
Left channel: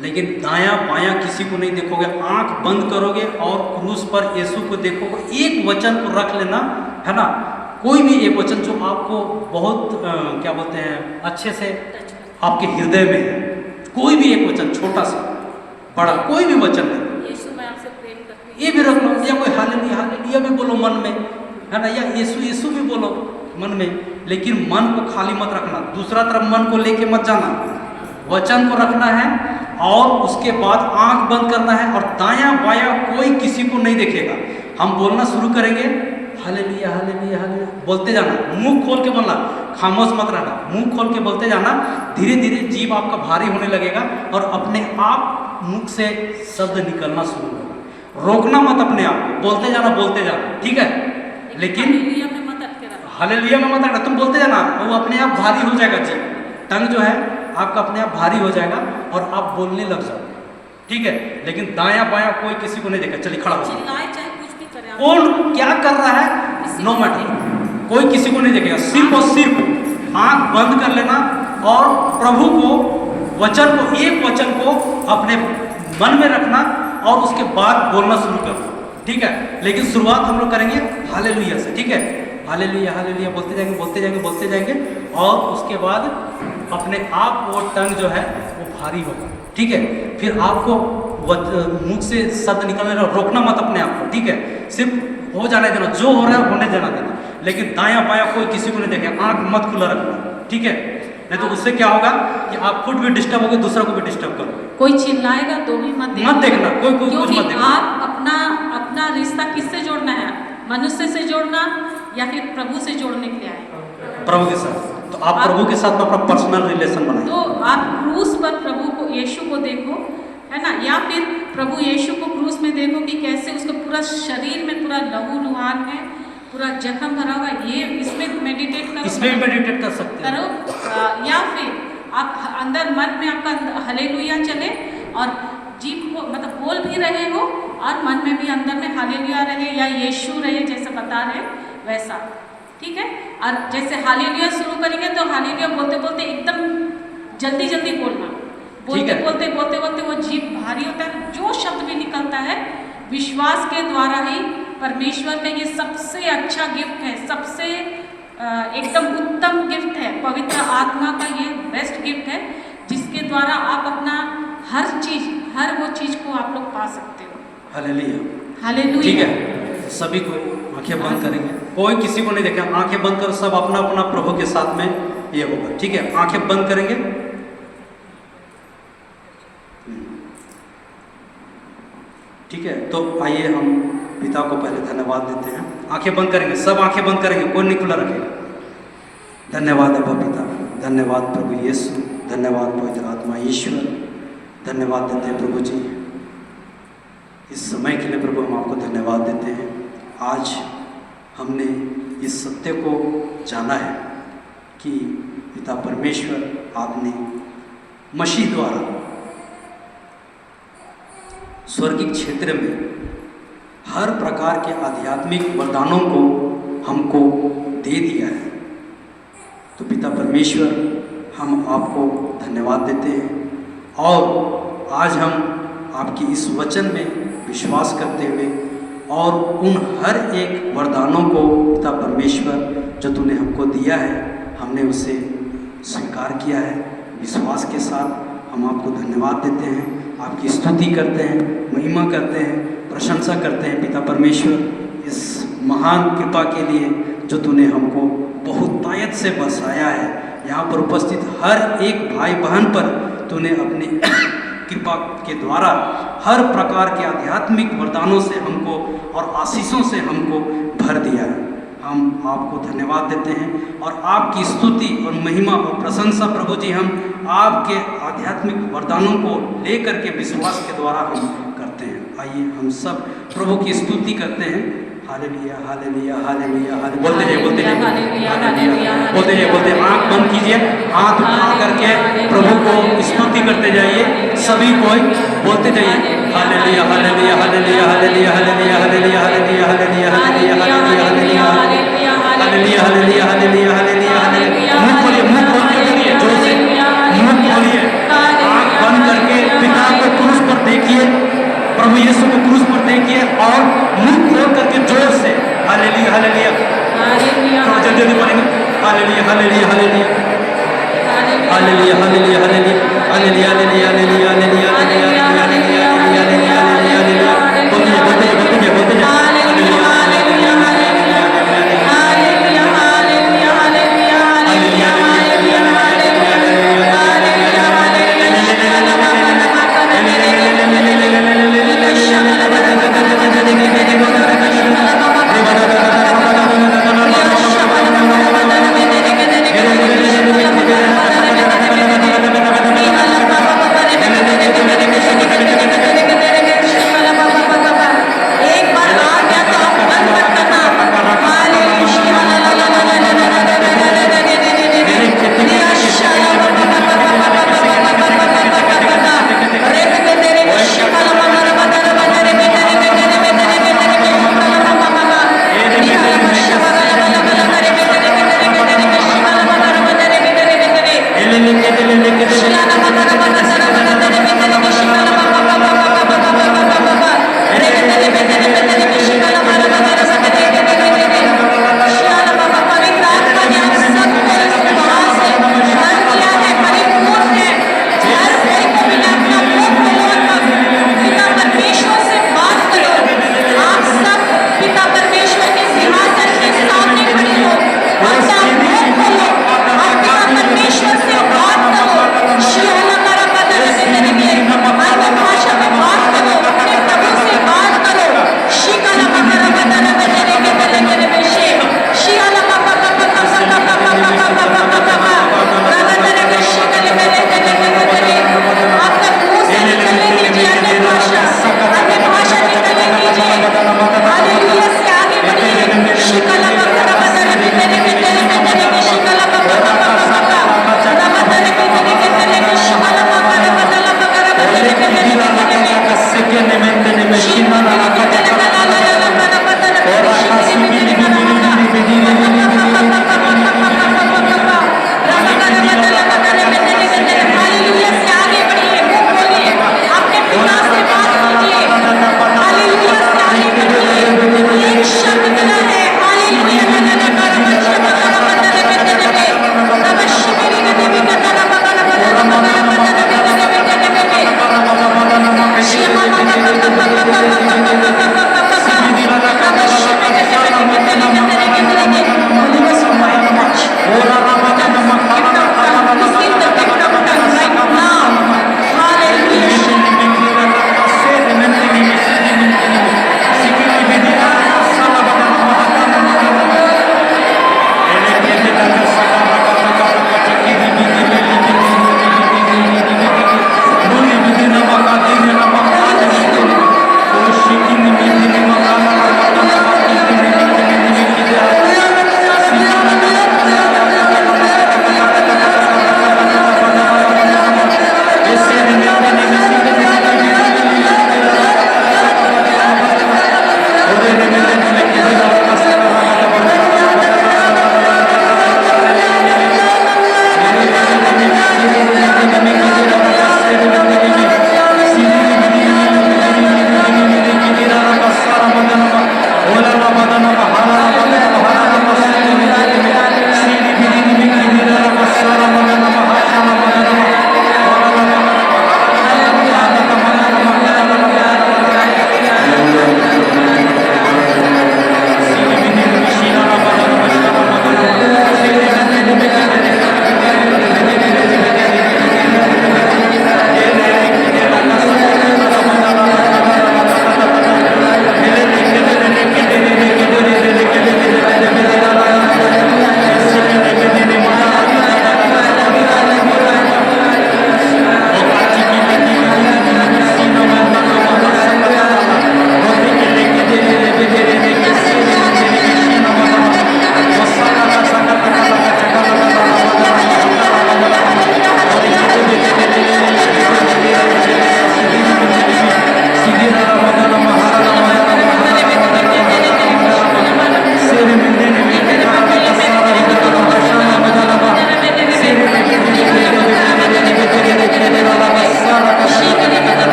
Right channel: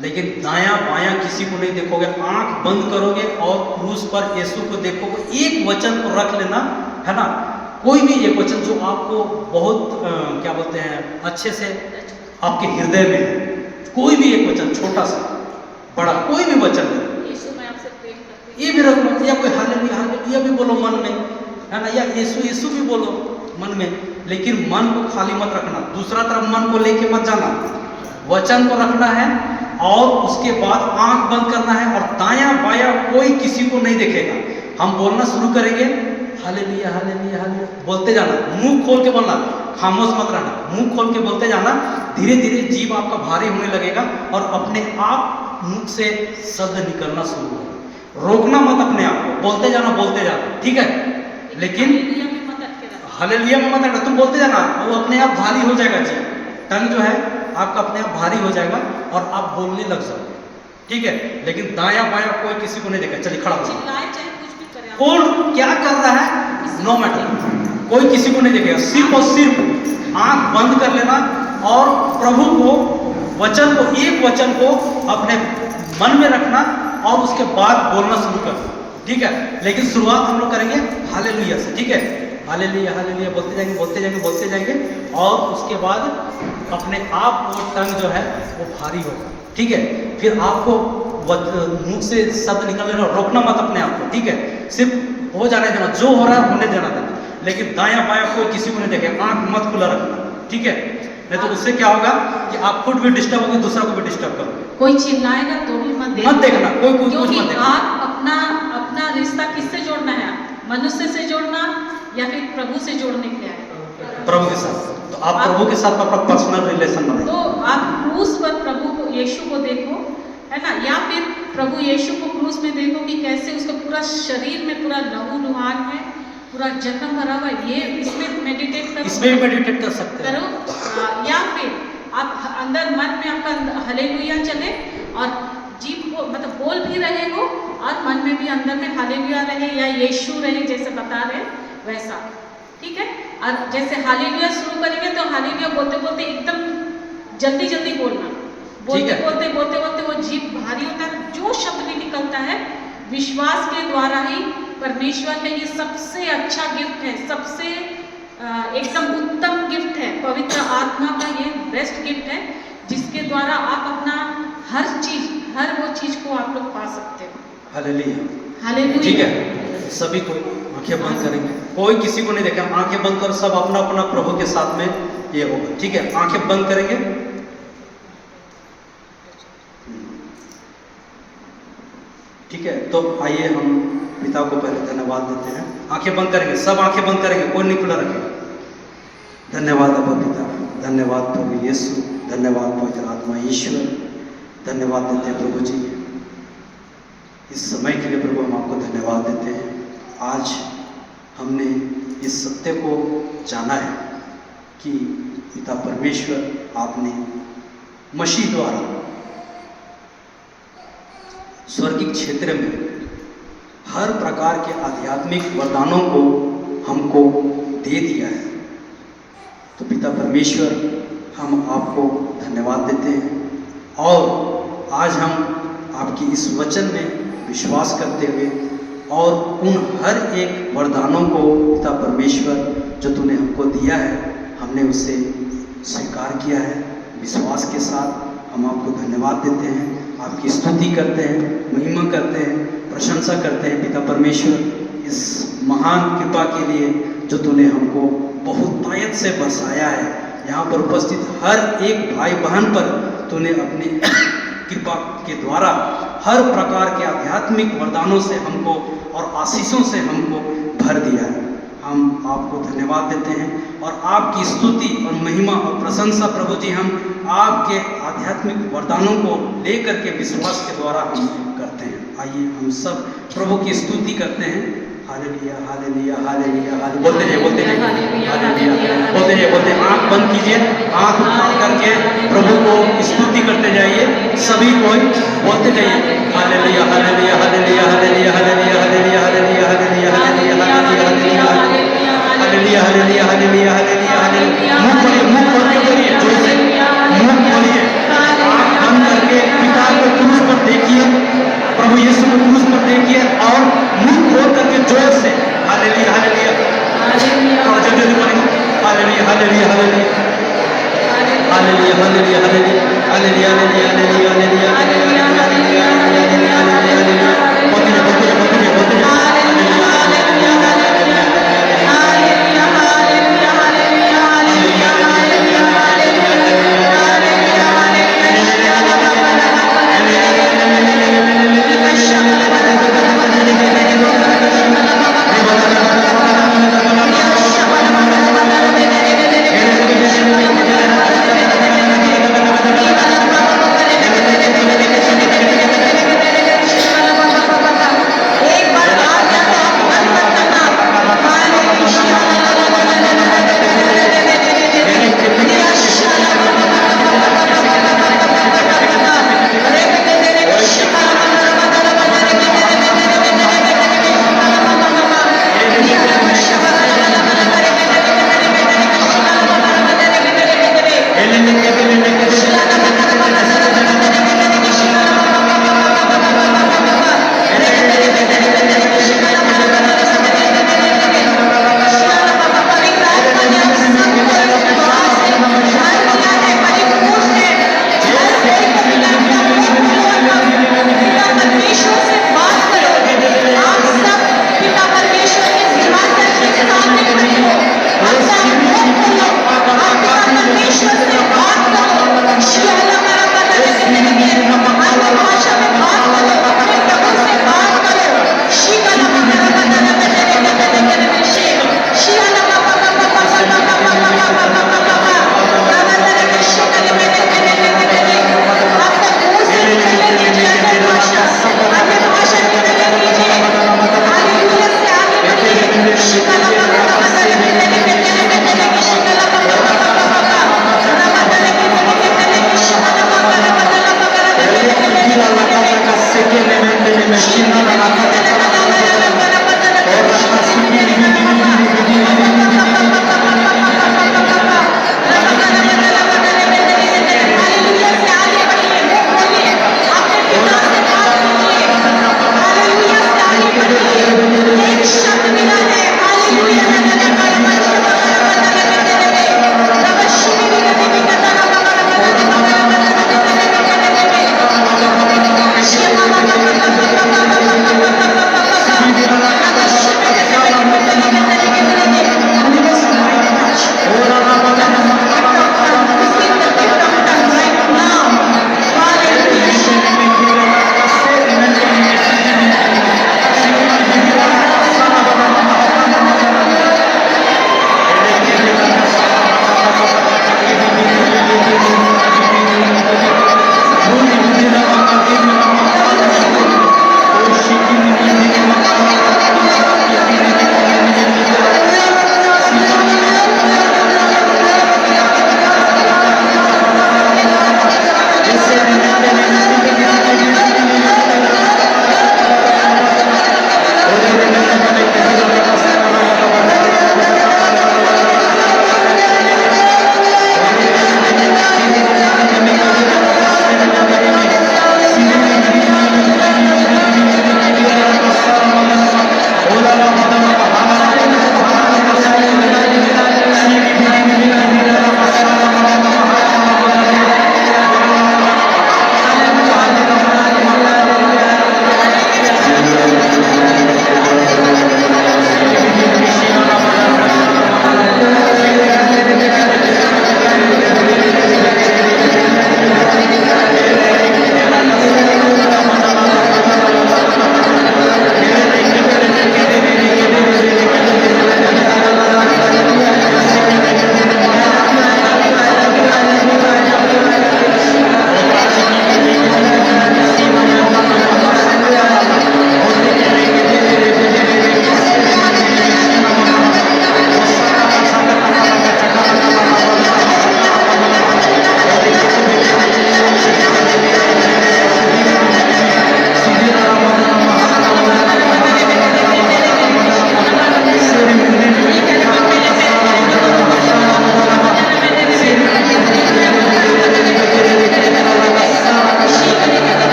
लेकिन दायां बायां किसी को नहीं देखोगे, आंख बंद करोगे और क्रूस पर यीशु को देखोगे। एक वचन को रख लेना है ना, कोई भी एक वचन जो आपको बहुत क्या बोलते हैं अच्छे से आपके हृदय में है, कोई भी एक वचन, छोटा सा बड़ा कोई भी वचन है, ये भी रख लो, या कोई हालेलुया भी बोलो मन में, है ना, या यीशु भी बोलो मन में, लेकिन मन को खाली मत रखना, दूसरा तरफ मन को लेके मत जाना, वचन को रखना है और उसके बाद आंख बंद करना है और दायां बायां कोई किसी को नहीं देखेगा। हम बोलना शुरू करेंगे, हालेलुया हालेलुया हालेलुया बोलते जाना, मुंह खोल के बोलना, खामोश मत रहना, मुंह खोल के बोलते जाना। धीरे धीरे जीभ आपका भारी होने लगेगा और अपने आप मुंह से शब्द निकलना शुरू होगा। रोकना मत अपने आप, बोलते जाना, ठीक है, लेकिन हालेलुया में मत अटके, तुम बोलते जाना, वो अपने आप भारी हो जाएगा। जीभ, टंग जो है आपका अपने आप भारी हो जाएगा और आप बोलने लग जाओगे, ठीक है, लेकिन दायां बायां कोई किसी को नहीं देखा। चलिए खड़ा हो जाए, कौन क्या कर रहा है नो मैटर, कोई किसी को नहीं देखेगा, सिर्फ और सिर्फ आंख बंद कर लेना और प्रभु को, वचन को, एक वचन को अपने मन में रखना और उसके बाद बोलना शुरू करना, ठीक है। लेकिन शुरुआत हम लोग करेंगे हालेलुया से, ठीक है, हालेलुया हालेलुया बोलते जाएंगे और उसके बाद अपने आप वो टंग जो है वो भारी होगा, ठीक है। फिर आपको मुंह से शब्द निकलने रोकना मत अपने आप को, ठीक है, सिर्फ हो जाने देना, जो हो रहा है होने जाना देना, लेकिन दायां बायां कोई किसी को नहीं देखे, आंख मत खुला रखना, ठीक है, नहीं तो उससे क्या होगा कि आप खुद भी डिस्टर्ब होगे, दूसरा को भी डिस्टर्ब करोगे। कोई चिल्लाएगा तो भी मत देखना, कोई कुछ मत देखना। आप अपना रिश्ता किससे जोड़ना है? मनुष्य से जोड़ना या फिर प्रभु से जोड़ने के लिए आए? प्रभु के साथ। तो आप प्रभु के साथ अपना पर्सनल रिलेशन बनाए। तो आप क्रूस पर प्रभु को, यीशु को देखो, है ना, या फिर प्रभु यीशु को क्रूस में देखो कि कैसे उसका पूरा शरीर में पूरा लहू लुहान है, पूरा जख्म भरा हुआ, ये इसमें मेडिटेट करो, इसमें भी मेडिटेट कर सकते करो। या फिर आप अंदर मन में आपका हालेलुया चले और जीभ को मतलब बोल भी रहे हो और मन में भी अंदर में हालेलुया रहे या यीशु रहे, जैसे बता रहे वैसा, ठीक है। और जैसे हालेलुया शुरू करेंगे तो हालेलुया बोलते बोलते एकदम जल्दी जल्दी बोलना, बोलते बोलते वो जीभ भारी होता है, जो शब्द भी निकलता है विश्वास के द्वारा ही परमेश्वर है, ये सबसे अच्छा गिफ्ट है, सबसे एकदम उत्तम गिफ्ट है। पवित्र आत्मा का ये बेस्ट गिफ्ट है, जिसके द्वारा आप अपना हर वो चीज को आप लोग पा सकते हो। हालेलुया। हालेलुया। ठीक है, सभी को आंखें बंद करेंगे, कोई किसी को नहीं देखा, आंखें बंद कर सब अपना अपना प्रभु के साथ में ये होगा। ठीक है, आंखें बंद करेंगे। ठीक है, तो आइए हम पिता को पहले धन्यवाद देते हैं। आंखें बंद करेंगे, सब आंखें बंद करेंगे, कोई नहीं खुला रखेगा। धन्यवाद अब्बा पिता, धन्यवाद प्रभु यीशु, धन्यवाद पवित्र आत्मा ईश्वर, धन्यवाद देते हैं प्रभु जी इस समय के लिए। प्रभु हम आपको धन्यवाद देते हैं। आज हमने इस सत्य को जाना है कि पिता परमेश्वर आपने मसीह द्वारा स्वर्गीय क्षेत्र में हर प्रकार के आध्यात्मिक वरदानों को हमको दे दिया है। तो पिता परमेश्वर हम आपको धन्यवाद देते हैं और आज हम आपकी इस वचन में विश्वास करते हुए और उन हर एक वरदानों को पिता परमेश्वर जो तूने हमको दिया है, हमने उसे स्वीकार किया है। विश्वास के साथ हम आपको धन्यवाद देते हैं, आपकी स्तुति करते हैं, महिमा करते हैं, प्रशंसा करते हैं पिता परमेश्वर इस महान कृपा के लिए जो तूने हमको बहुतायत से बरसाया है। यहाँ पर उपस्थित हर एक भाई बहन पर तूने अपनी कृपा के द्वारा हर प्रकार के आध्यात्मिक वरदानों से हमको और आशीषों से हमको भर दिया है। हम आपको धन्यवाद देते हैं और आपकी स्तुति और महिमा और प्रशंसा प्रभु जी हम आपके आध्यात्मिक वरदानों को लेकर के विश्वास के द्वारा हम करते हैं। आइए हम सब प्रभु की स्तुति करते हैं। हालेलुया, हालेलुया, हालेलुया, बोलते हैं, बोलते हैं, हालेलुया, बोलते हैं, बोलते हैं। आँख बंद कीजिए, आँख बंद करके प्रभु को स्तुति करते जाइए, सभी कोई बोलते जाइए। Hallelujah, hallelujah, hallelujah, hallelujah, hallelujah, hallelujah, hallelujah, hallelujah, hallelujah, hallelujah, hallelujah, hallelujah, hallelujah, hallelujah, hallelujah. मुँह खोलिए, मुँह खोल के करिए, जोर से मुँह खोलिए, आँख बंद करके पिता को क्रूस पर देखिए, प्रभु यीशु को क्रूस पर देखिए और मुँह खोल करके जोर से हालेलुया, हालेलुया, थोड़ा जल्दी जल्दी पढ़ेंगे। Hallelujah, hallelujah, hallelujah, hallelujah, hallelujah, hallelujah, hallelujah, hallelujah, hallelujah, hallelujah, hallelujah, hallelujah, hallelujah, hallelujah,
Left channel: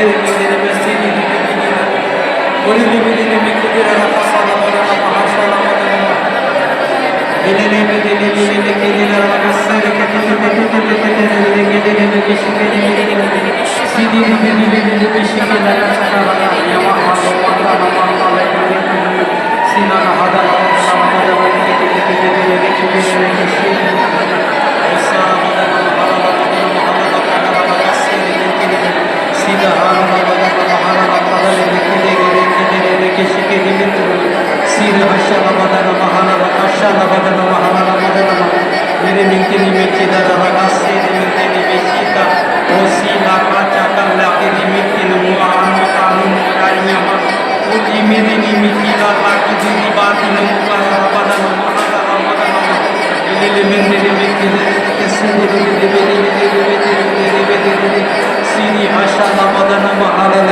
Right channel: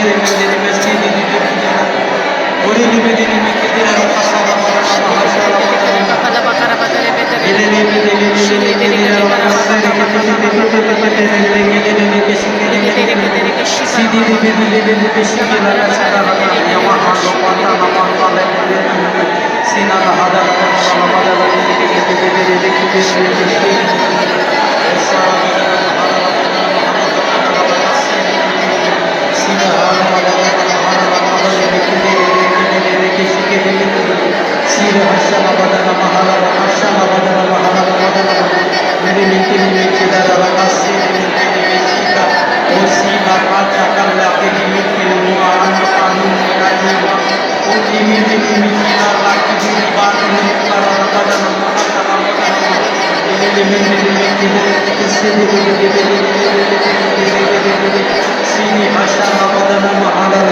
sere mendere mestini di bibina ori di bibini mi chiedere la passata para ele ne bede ne ne chiedere la passare che ti si di bibini si che la sina hada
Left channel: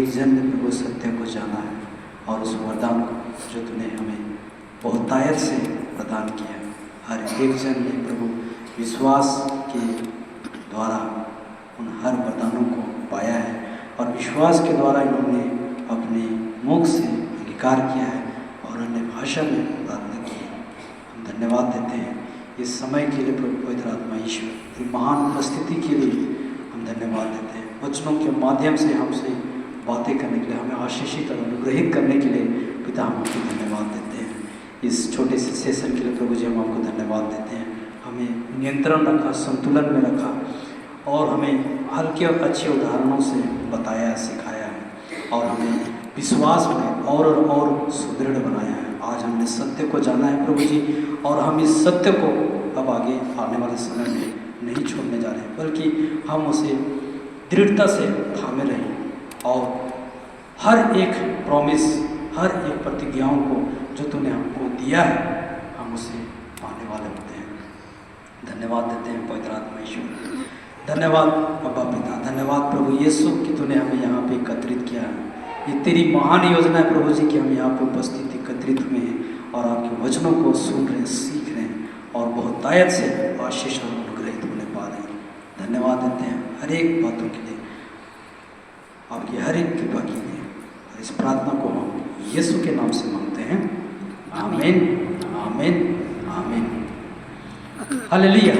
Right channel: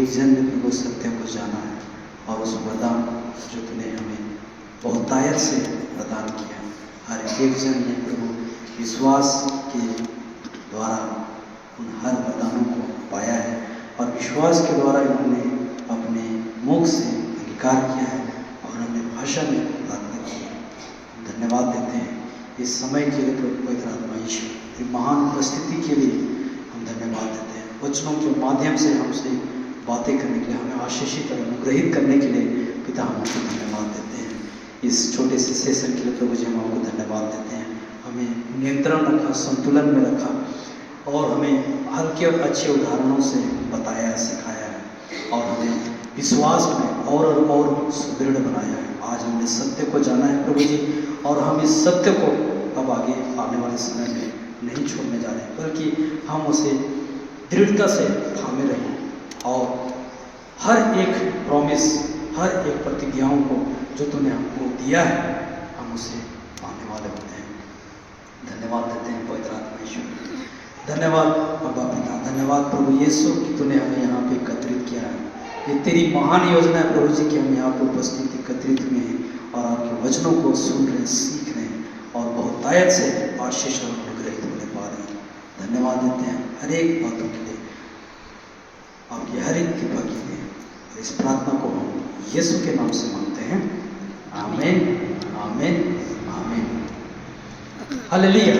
एक जन में प्रभु सत्य को जाना है और उस वरदान को जो तूने हमें बहुतायत से प्रदान किया, हर एक जन ने प्रभु विश्वास के द्वारा उन हर वरदानों को पाया है और विश्वास के द्वारा इन्होंने अपने मुख से अंगीकार किया है विषय में प्रार्थना की। हम धन्यवाद देते हैं इस समय के लिए प्रभु पवित्र आत्मा ईश्वर की महान उपस्थिति के लिए हम धन्यवाद देते हैं। वचनों के माध्यम से हमसे बातें करने के लिए, हमें आशीषित और अनुग्रहित करने के लिए पिता हम आपको धन्यवाद देते हैं। इस छोटे से सेशन के लिए प्रभु जी हम आपको धन्यवाद देते हैं। हमें नियंत्रण रखा, संतुलन में रखा और हमें हल्के और अच्छे उदाहरणों से बताया, सिखाया है और हमें विश्वास में और सुदृढ़ बनाया है। आज हमने सत्य को जाना है प्रभु जी, और हम इस सत्य को अब आगे आने वाले समय में नहीं छोड़ने जा रहे, बल्कि हम उसे दृढ़ता से थामे रहें और हर एक प्रॉमिस, हर एक प्रतिज्ञाओं को जो तूने हमको दिया है हम उसे पाने वाले होते हैं। धन्यवाद देते हैं पवित्र आत्मा ईश्वर। धन्यवाद बाबा पिता, धन्यवाद प्रभु यीशु कि तूने हमें यहाँ पे एकत्रित किया है। ये तेरी महान योजना है प्रभु जी कि हम यहाँ पे उपस्थित एकत्रित हुए हैं और आपके वचनों को सुन रहे हैं, सीख रहे हैं और बहुतायत से आशीष और अनुग्रहित होने पा रहे हैं। धन्यवाद देते हैं हर एक बातों के लिए, आपकी हर एक कृपा के लिए। इस प्रार्थना को हम यीशु के नाम से मांगते हैं। आमीन, आमीन, आमीन। हालेलुया।